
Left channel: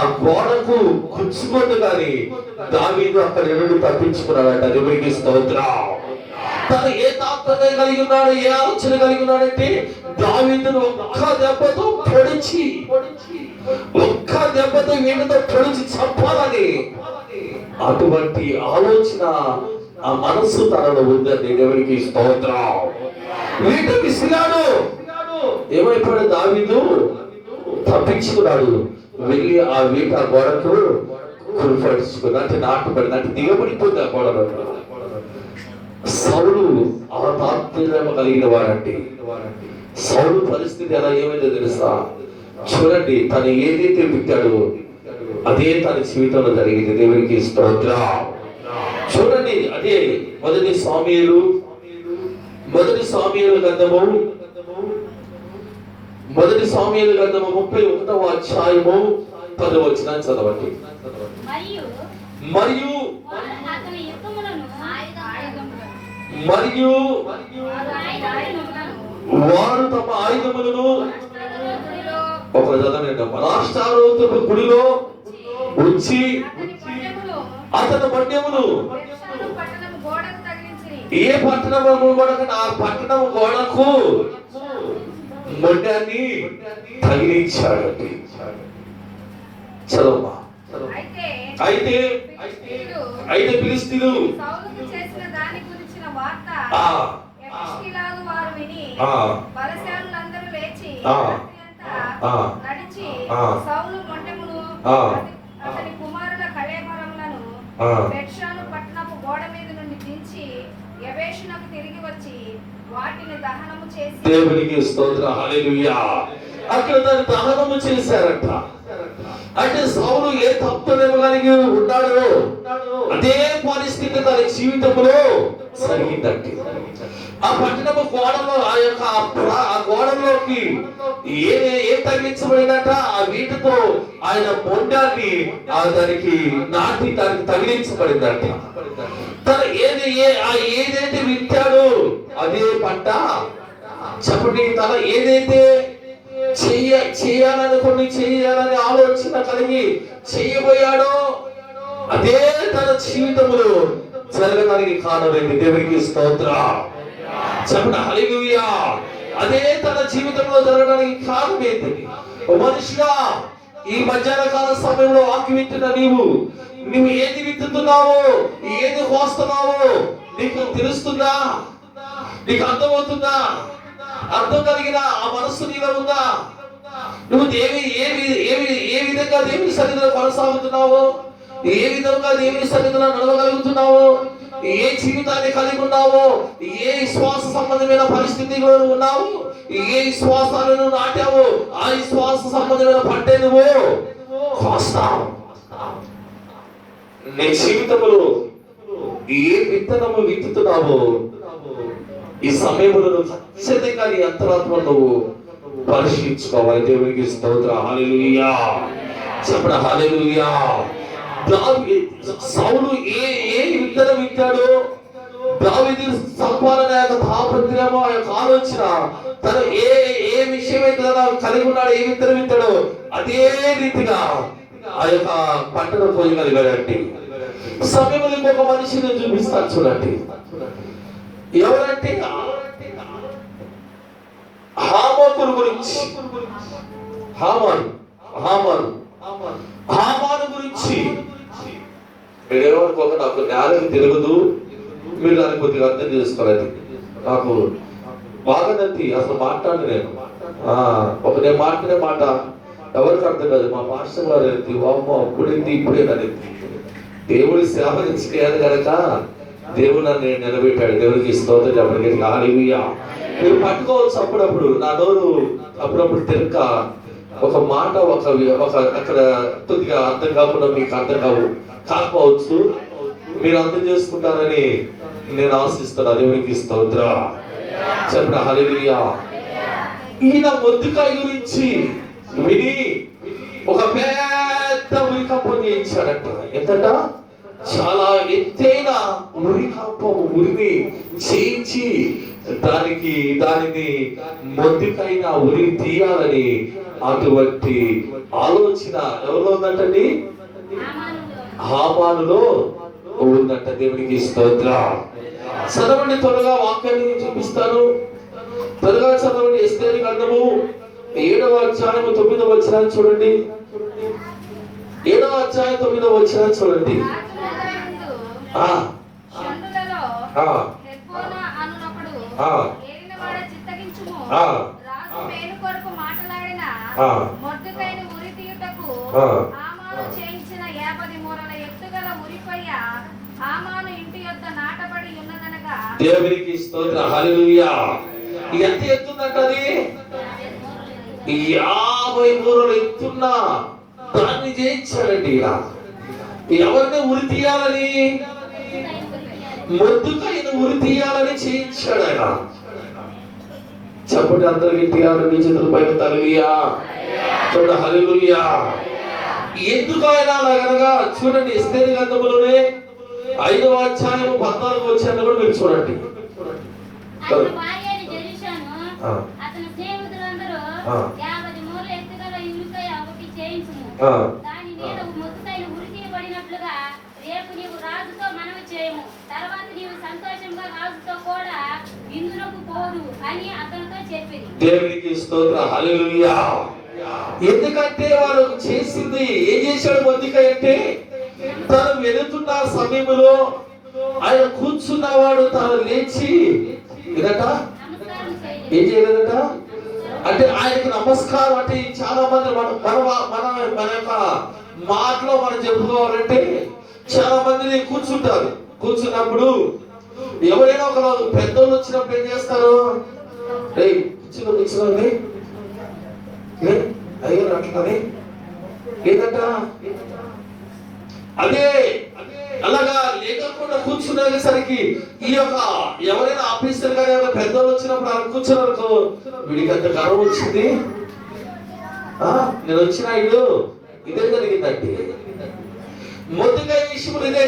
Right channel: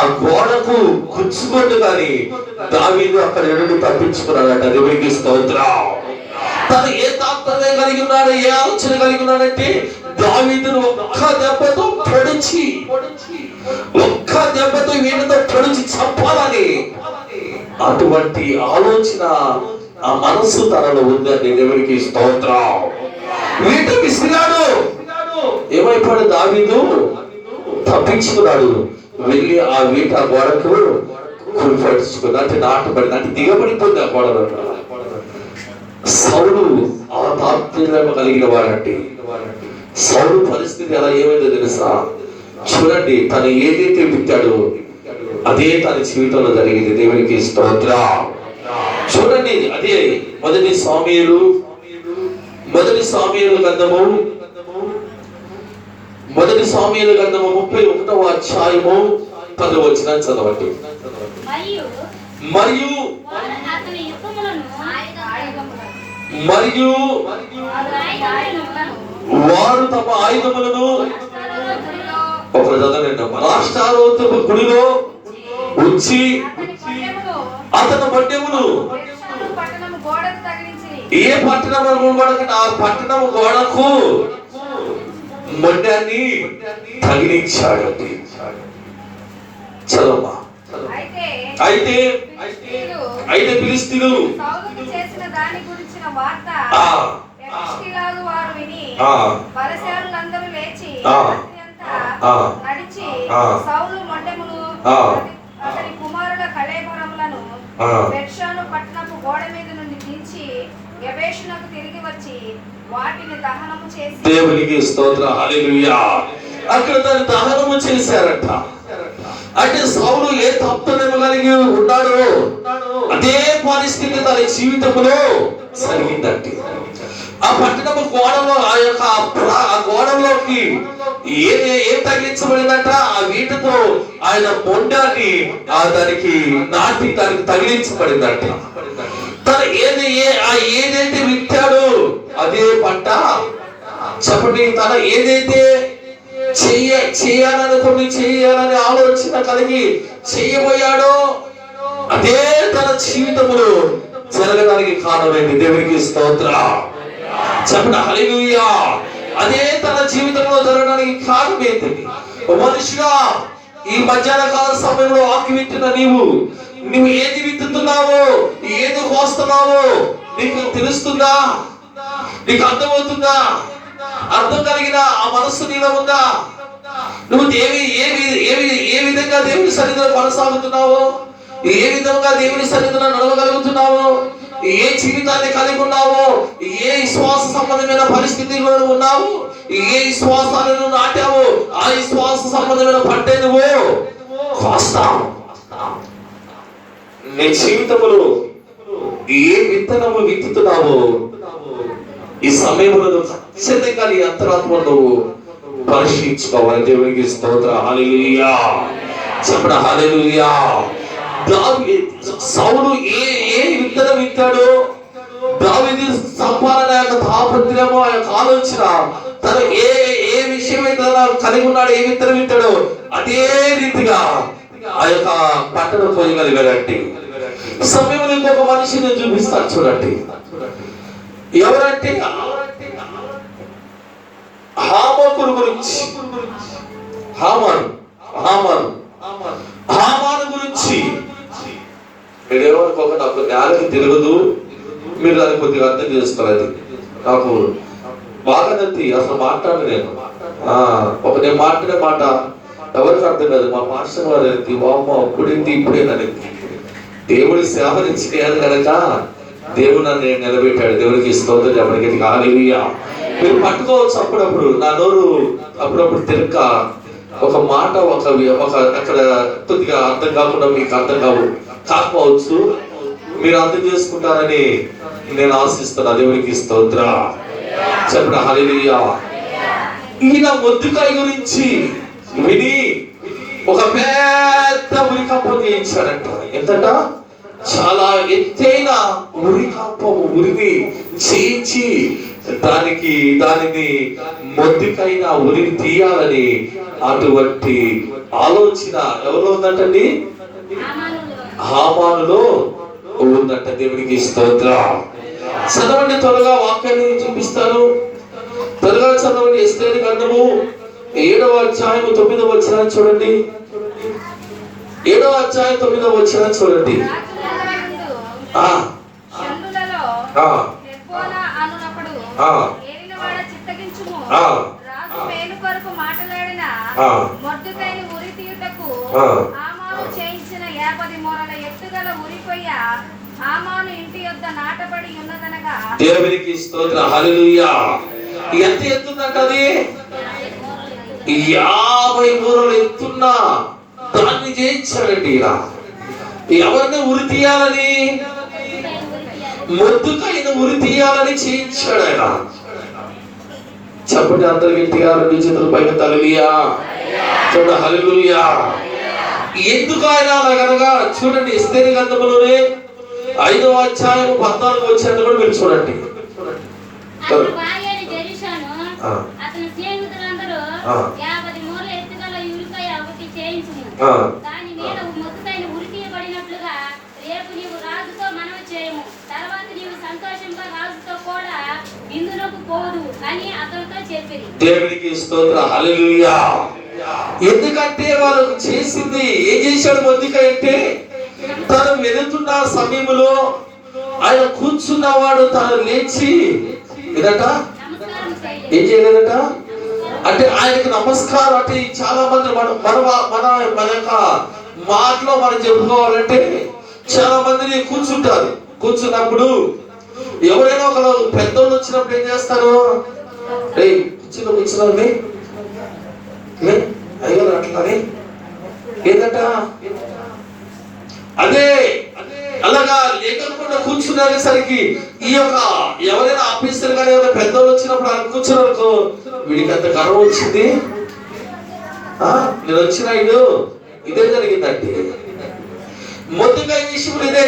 ఆ గోడకు గుచ్చుకోదు కానీ దావీదు అక్కడ నుండి తప్పించుకున్నాడట. దేవునికి స్తోత్రం. తను ఏ తాత్పర్యం కలిగి ఉన్నాడు, ఏ ఆలోచన కలిగి ఉన్నాడంటే దావీదును ఒక్క దెబ్బతో పొడిచి వీటితో పొడిచి చంపాలని అటువంటి ఆలోచన, ఆ మనసు తనలో ఉందండి. దేవునికి స్తోత్రం. వీట విసిరాడు, ఏమైపోయాడు? దావీదు తప్పించుకున్నాడు. వెళ్ళి ఆ వీట గోడకు కురిపడుచుకుని అంటే నాటబడింది, అంటే దిగబడిపోయింది ఆ గోడ. సౌలు ఆ తాత్పర్యం కలిగిన వాడంటే సౌలు పరిస్థితి ఎలా ఏమైందో తెలుసా? చూడండి, తను ఏదైతే విత్తాడో అదే తన జీవితంలో జరిగింది. దేవునికి స్తోత్రం. చూడండి, అదే మొదటి సామ్యూయేలు గ్రంథము 31వ అధ్యాయము 10వ వచనాన్ని చదవండి. మరియు వారు తమ ఆయుధములను ఒకరు చదవండి. రాష్ట్రారోతపు గుడిలో ఉంచి అతని పట్టణమును ఏ పట్టణము గోడకు, ఆ పట్టణము గోడకు మొండాన్ని తగిలించాడండి. చదవమ్మా. అయితే ఫిలిష్తీయులు సౌలు మొండెమును అతని కుమారుల కళేబరములను బెత్షాను పట్టణపు గోడ మీద నుండి దించి యబేషునకు తిరిగి వచ్చి వాటిని దహనము చేసి. దేవునికి స్తోత్రం, హల్లెలూయా. అక్కడ దాన్ని దహనము చేశారట. అంటే సౌలు ఏ తప్పును కలిగి ఉన్నాడో అదే పరిస్థితి తన జీవితంలో జరిగిందంటే ఆ పట్టణము గోడలో ఆ గోడలోకి ఏం తగిలించబడిందంట? ఆ వీటితో ఆయన మొండాన్ని దానికి నాటి దానికి తగిలించబడిందంట. తను ఏదైతే విత్తాడో అదే పంట. చెప్పండి, తన ఏదైతే చేయాలని ఆలోచన కలిగి చేయబోయాడో అదే తన జీవితంలో జరగడానికి కారణమైంది. దేవునికి స్తోత్రం. చెప్పండి, హల్లెలూయా. అదే తన జీవితంలో జరగడానికి కారణమైంది. మనుషుగా ఈ మధ్యాహ్న కాల సమయంలో ఆకి విత్తున్న నువ్వు ఏది విత్తుతున్నావో, ఏది కోస్తున్నావో నీకు తెలుస్తుందా? నీకు అర్థమవుతుందా? అర్థం కలిగిన ఆ మనస్సు నీలో ఉందా? నువ్వు ఏ విధంగా దేవుని సన్నిధిలో కొనసాగుతున్నావో, ఏ విధంగా దేవుని సన్నిధిలో నడవగలుగుతున్నావో, ఏ జీవితాన్ని కలిగి ఉన్నావో, ఏ విశ్వాస సంబంధమైన పరిస్థితిలో ఉన్నావు, ఏ విశ్వాసాలను నాటావో ఆ విశ్వాస సంబంధమైన పంటే నువ్వు కోస్తావు. నీ జీవితంలో ఏ విత్తనము విత్తుతున్నావో ఈ సమయంలో ఖచ్చితంగా నీ అంతరాత్మ నువ్వు పరిశీలించుకోవాలి. దేవునికి స్తోత్రం. హల్లెలూయా చెప్పండి. హల్లెలూయా. సౌలు ఏ విత్తనం విత్తాడో, దావీదు సంపాదన యొక్క తాపత్రయము, ఆ యొక్క ఆలోచన, తను ఏ విషయం అయితే కలిగి ఉన్నాడు, ఏ విత్తనం విత్తాడో అదే రీతిగా ఆ యొక్క పంటను కోయగలిగాడండి. సమయంలో ఇంకొక మనిషిని చూపిస్తాను చూడండి. ఎవరంటే హామాను గురించి. హామాను గురించి మీరేమనుకోక, నాకు జ్ఞానం తెలియదు, మీరు దాన్ని కొద్దిగా అర్థం చేసుకోలేదు. నాకు బాగా నచ్చి అసలు మాట్లాడు నేను నేను మాట్లాడే మాట ఎవరికి అర్థం కాదు. మా మాస్టర్ వారు ఎత్తి వామ్మ అప్పుడేంటి ఇప్పుడేనని దేవుడి సేవ నుంచి కనుక దేవుడు నన్ను నిలబెట్టాడు. దేవుడికి స్తోత్రం చెప్పడానికి. హల్లెలూయా. మీరు పట్టుకోవచ్చు. అప్పుడప్పుడు నా నోరు అప్పుడప్పుడు తిరక్క ఒక మాట ఒక అక్కడ కొద్దిగా అర్థం కాకుండా మీకు అర్థం కాకపోవచ్చు. మీరు అర్థం చేసుకుంటారని నేను ఆశిస్తున్నా. దేవునికి స్తోత్రం చెప్పండి. హల్లెలూయా. ఈయన మొద్దుకాయ గురించి విని ఒక పెద్ద ఉరికంపం చేయించాడంట. ఎంతట చాలా ఎత్తైన ఉరికంపము ఉరిని చేయించి దానిని మొద్దుకైన ఉరి తీయాలని అటువంటి ఆలోచన ఎవరు ఉందంటండి? హామానులో ఉందంట. దేవునికి స్తోత్రం. చదవండి త్వరగా, వాక్యాన్ని చూపిస్తాను. త్వరగా చదవండి. ఎస్తేరు గ్రంథము 7వ అధ్యాయం 9వ వచనం చూడండి. 7వ అధ్యాయం 9వ వచనం చూడండి. దేవునికి స్తోత్రం. హల్లెలూయా. ఎంత ఎత్తుందంట అది? 50 మూరలు ఎత్తున్నా దాన్ని చేయించాడండి. ఎవరిని ఉరి తీయాలని? మొద్దుకైన ఉరి తీయాలని చేయించాడు ఆయన. చెప్పండి అందరు గట్టిగా, మీ చేతుల పైన హల్లెలూయా చూడండి. హల్లెలూయా. ఎందుకు ఆయన అలాగనగా చూడండి. ఎస్తేరు గ్రంథంలోనే 5వ అధ్యాయం 14వ వచనం కూడా మీరు చూడండి. దేవునికి స్తోత్రం. హల్లెలూయా. ఎందుకంటే వాళ్ళకు చేసింది ఏం చేశాడు మొద్దుకాయ అంటే, తను వెళుతున్న సమయంలో ఆయన కూర్చున్నవాడు తను లేచి ఏదట ఏం చేయలేదట అంటే ఆయనకు నమస్కారం. అంటే చాలా మంది మన యొక్క మాటలో మనం చెప్పుకోవాలంటే చాలా మందిని కూర్చుంటారు. కూర్చున్నప్పుడు ఎవరైనా ఒక పెద్దోళ్ళు వచ్చినప్పుడు ఏం చేస్తారు? కూర్చున్నాండి అయ్యారు అట్లానే ఏంటంట అదే అలాగా లేకుండా కూర్చునేసరికి ఈ యొక్క ఎవరైనా ఆఫీసర్ గారు ఎవరైనా పెద్దోళ్ళు వచ్చినప్పుడు ఆయన కూర్చున్నారు, వీడికి అంత గర్వం వచ్చింది. నేను వచ్చిన ఇదే జరిగిందండి. మొదటిగా ఈ విషయంలో ఇదే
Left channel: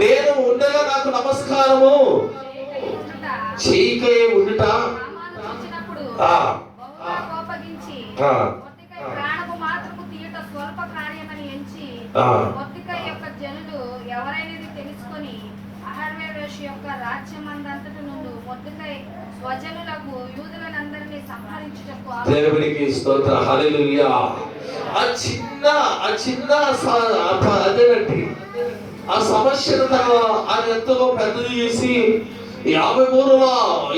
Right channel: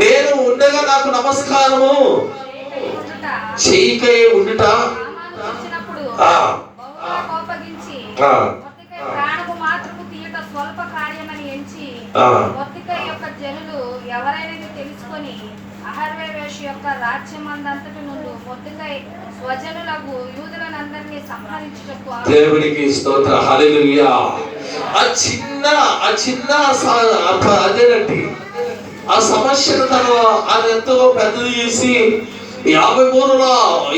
నేను ఉండగా నాకు నమస్కారము చేయకే ఉండుట. దేవునికి స్తోత్రం. హల్లెలూయా. ఆ చిన్న అదేనండి ఆ సమస్యను తను అది ఎంతో పెద్దది చేసి 50 మూరల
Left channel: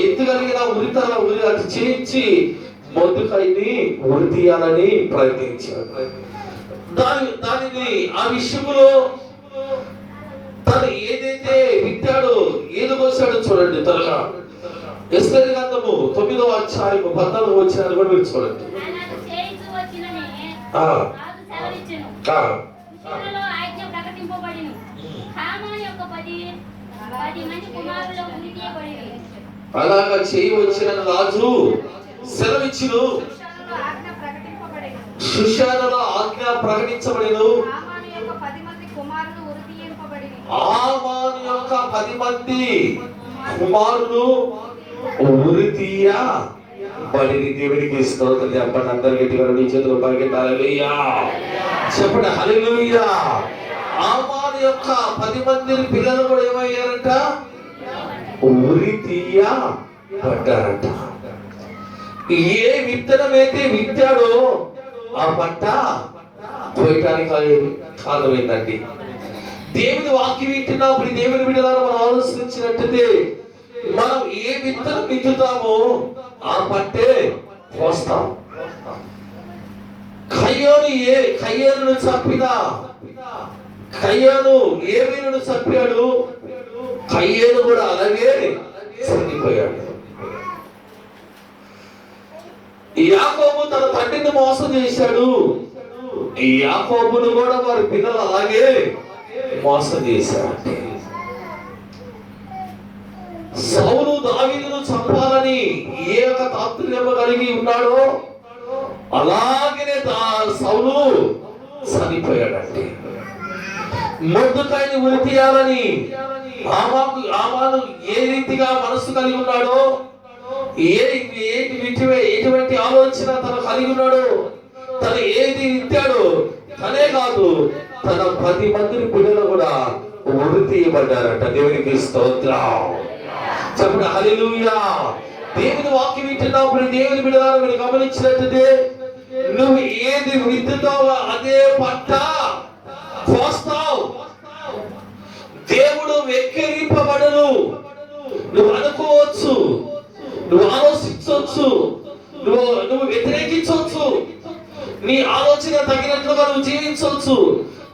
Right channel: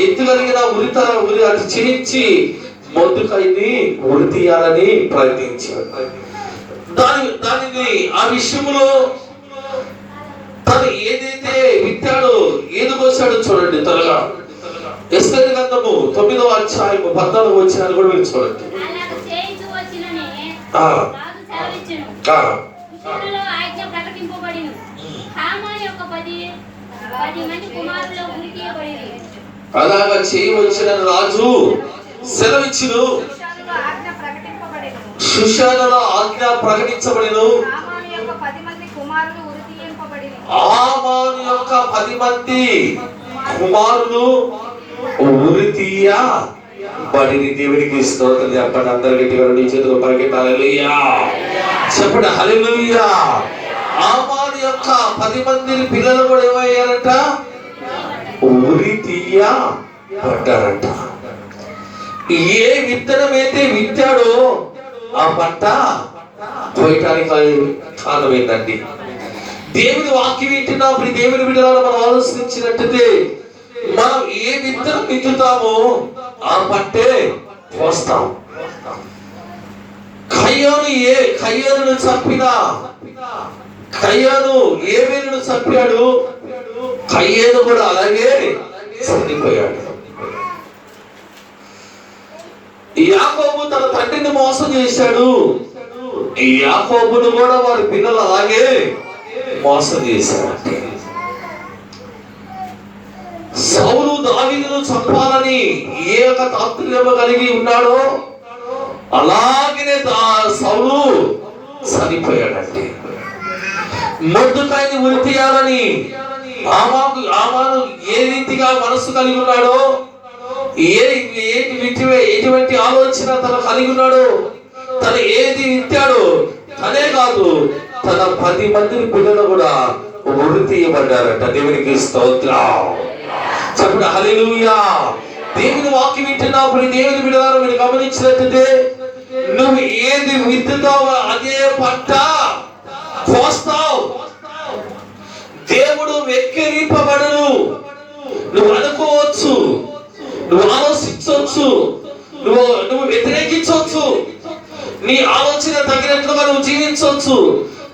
ఎత్తుగలిగిన ఉరి అది చేయించి మొద్దుకాయని ఉరి తీయాలని ప్రయత్నించాడు. దానిని ఆ విషయంలో తను ఏదైతే విత్తాడో ఏది కోసాడో చూడండి త్వరగా. ఎస్తేరు గ్రంథము 9వ అధ్యాయము 14వ వచనాన్ని కూడా మీరు చూడండి. అలాగా చేయవచ్చిన రాజు సెలవిచ్చును, శుషానులో ఆజ్ఞ ప్రకటించబడిను. ఆమాను యొక్క 10 మంది కుమారులు ఉరి తీయబడిరి. దేవునికి స్తోత్రం చెప్పండి. అందరు గట్టిగా నీ చేతులు పైకి హల్లెలూయా చెప్పండి. హల్లెలూయా. ఆమాను యొక్క 10 మంది పిల్లలు కూడా ఏమయ్యారంట? ఉరి తీయబడ్డారంట. ఏ విత్తనం అయితే విత్తాడో ఆ పంట పోయటానికి కారణమైందండి. దేవుని వాక్యం వింటున్నప్పుడు దేవుని బిడ్డలను మనం ఆలోచించినట్టయితే మనం ఏ విత్తనం విత్తుతామో ఆ పంటే పోస్తాం. కయ్యోను చంపిన కయ్యోను ఏమేను చంపాడు, కయ్యోను కూడా అలాగే చనిపోయాడు. యాకోబు తన తండ్రిని మోసం చేశాడు, యాకోబును కూడా వారి పిల్లలు అలాగే మోసం చేశారంటే. సౌలు దావీదును చంపాలని ఏ ఒక తాత్పర్యం కలిగి ఉన్నాడో అలాగనే సౌలు చనిపోయాడంటే. మొర్దెకైని ఉరి తీయాలని ఆమాను ఏ రీతిగా మనసు కలిగి ఉన్నాడో, ఎటువంటి ఆలోచన తను కలిగి ఉన్నాడో, తను ఏది విత్తాడో తనే కాదు తన 10 మంది పిల్లలు కూడా ఉరి తీయబడ్డారట. దేవునికి స్తోత్రం చెప్పండి. హల్లెలూయా. దేవుని వాక్యం వింటున్నప్పుడు దేవుని బిడ్డలను మీరు గమనించినట్లయితే నువ్వు ఏది విత్తుతావో అదే పంట కోస్తావు. దేవుడు వెక్కిరింపబడను. నువ్వు అనుకోవచ్చు, నువ్వు ఆలోచించవచ్చు, నువ్వు వ్యతిరేకించవచ్చు, నీ ఆలోచన తగినట్లుగా నువ్వు జీవించవచ్చు,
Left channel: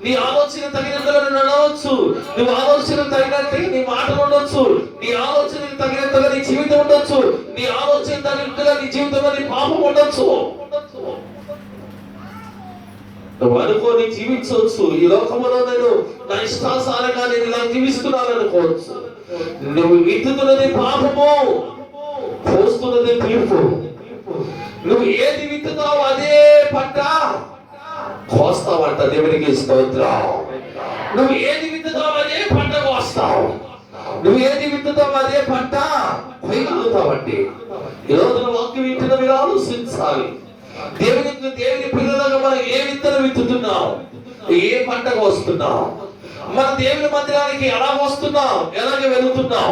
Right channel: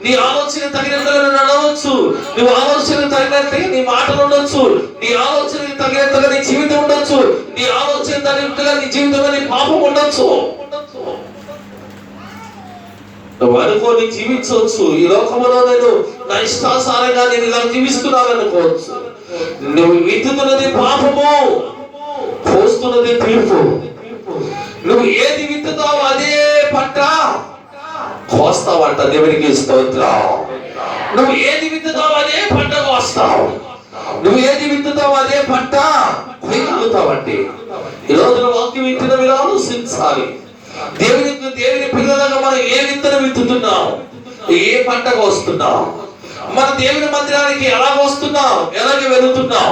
నీ ఆలోచన తగినట్లుగా నువ్వు నడవచ్చు, నువ్వు ఆలోచన తగినట్టుగా నీ మాటలు ఉండొచ్చు, నీ ఆలోచన తగినట్టుగా నీ జీవితం ఉండొచ్చు, నీ ఆలోచన తగినట్టుగా నీ జీవితంలో నీ పాపం ఉండొచ్చు. నువ్వు అనుకోని జీవించవచ్చు. ఈ లోకంలో నేను నా ఇష్టాసారంగా నేను ఇలా జీవిస్తున్నాను అనుకోవచ్చు. నువ్వు విత్తుతున్నది పాపము, పోస్తున్నది తీర్పు. నువ్వు ఏది విత్తుతావో అదే పంట కోస్తావంట. దేవునికి స్తోత్రం. నువ్వు ఏది విత్తుతావో అదే పంట కోస్తావు. నువ్వు ఏది విత్తుతావో అదే పంట కొయ్యగలుగుతావండి. ఈ రోజున వాక్యం వింటున్న మీరు ఆలోచించాలి. దేవుని పిల్లలుగా మనం ఏ విత్తనం విత్తుతున్నాం, ఏ పంట కోస్తున్నాం, మన దేవుని మందిరానికి ఎలా వస్తున్నాం, ఎలాగే వెళుతున్నాం.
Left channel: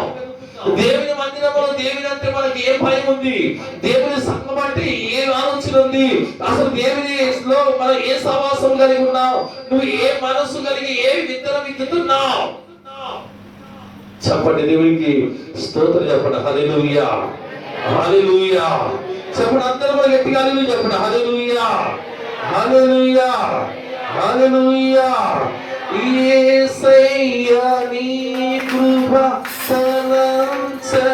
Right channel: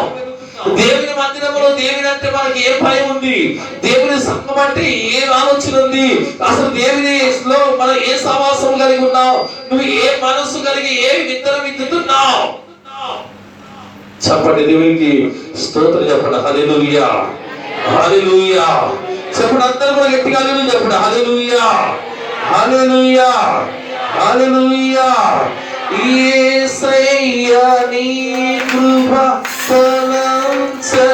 దేవుని మందిరంలో దేవుని అంటే మనకి ఏ భయం ఉంది, దేవుని సంఘం అంటే ఏ ఆలోచన ఉంది, అసలు దేవునిలో మనం ఏ సహవాసం కలిగి ఉన్నాం, నువ్వు ఏ మనస్సు కలిగి ఏ విత్తనం విత్తుతున్నావు చెప్పండి. దేవునికి స్తోత్రం చెప్పండి. హల్లెలూయా హల్లెలూయా చెప్పండి. అందరూ కూడా గట్టిగా హల్లెలూయా చెప్పండి. హల్లెలూయా హల్లెలూయా హల్లెలూయా. యేసయ్యా నీ కృప తలంచగానే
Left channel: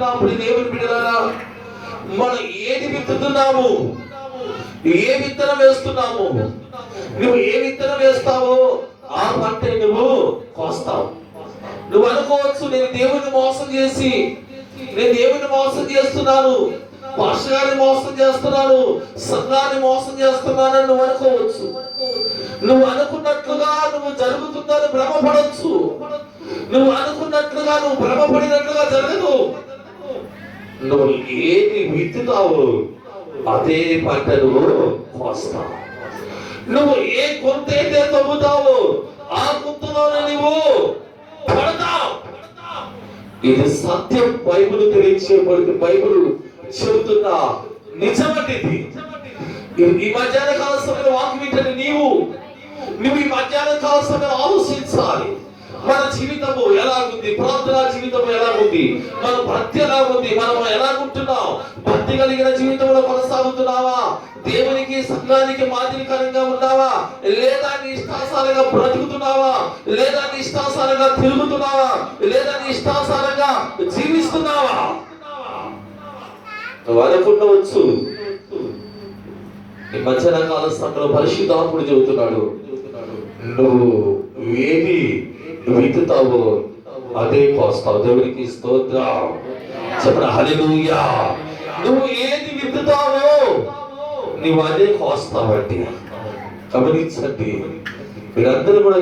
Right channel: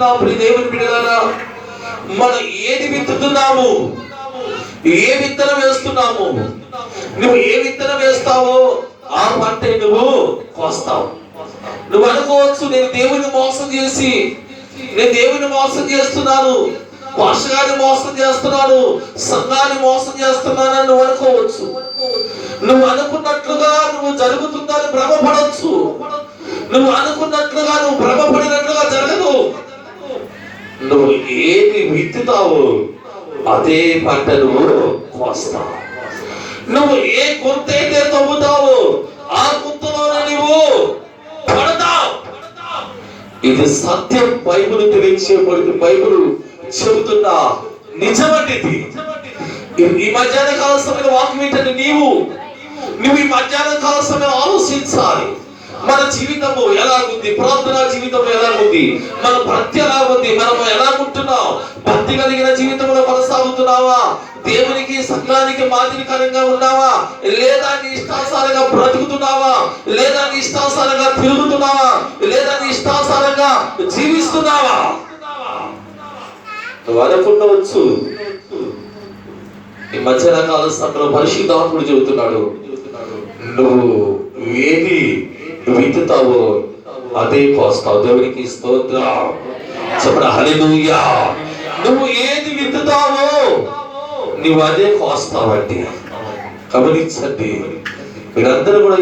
వింటున్నాం దేవుని బిడ్డలారా? మనం ఏది విత్తుతున్నాము? ఏ విత్తనం వేస్తున్నాము? నువ్వు ఏ విత్తనం వేస్తావో ఆ పంటే నువ్వు కోస్తావు. నువ్వు అనుకోవచ్చు, నేను దేవుని మోసం చేసి, నేను దేవుని మోసం చేస్తున్నాను, పాస్టర్ని మోసం చేస్తున్నాను, సంఘాన్ని మోసం చేస్తున్నానని నువ్వు అనుకోవచ్చు. నువ్వు అనుకున్నట్లుగా నువ్వు జరుగుతుందని భ్రమపడవచ్చు. నువ్వు అనుకున్నట్లుగా నువ్వు భ్రమపడినట్లుగా జరగదు. నువ్వు ఏది విత్తుతావు అదే పంట నువ్వు కోస్తావు. నువ్వు ఏ గుంత అయితే తవ్వుతావు ఆ గుంతలోనే నువ్వు పడతావు. ఇది సత్యం. బైబిల్ తెలియచేయబడుతుంది. బైబిల్ చెబుతున్నా నిజమండి. ఈ మధ్యాహ్న కాల సమయంలో వాక్యం ఏంటంటే నువ్వు ఈ మధ్యాహ్న కాల సమయంలో ఆలోచించాలి. మన జీవితము ఎలాగుంది? ప్రార్థనా జీవితం ఎలాగుంది? మన భక్తి ఎలాగుంది? మనం ఎలాగుంటున్నాం? భక్తి కలిగిన జీవితంలో కొనసాగుతున్నావా? దేవునికి సంఘానికి మాదిరికరంగా ఉన్నావా? లేదా నీ ఇష్టాసారంగా బ్రతుకుతున్నావా? లేదా నీ ఇష్టాసారంగా తిరుగుతున్నావా? లేదా నీ ఇష్టాసారంగా జీవిస్తున్నావా? నువ్వు అనుకుండవచ్చు. ఈ మధ్యాహ్న కాల సమయంలో పరిశుద్ధాత్ముడు చెబుతున్నాడు, నువ్వు ఏది విత్తుతావో అదే కోస్తావు. దేవునికి స్తోత్రం. చెప్పండి హల్లెలూయా. నువ్వు ఏది విత్తుతావో నువ్వు అదే కోస్తావండి. గమనించండి. మీరందరూ కూడా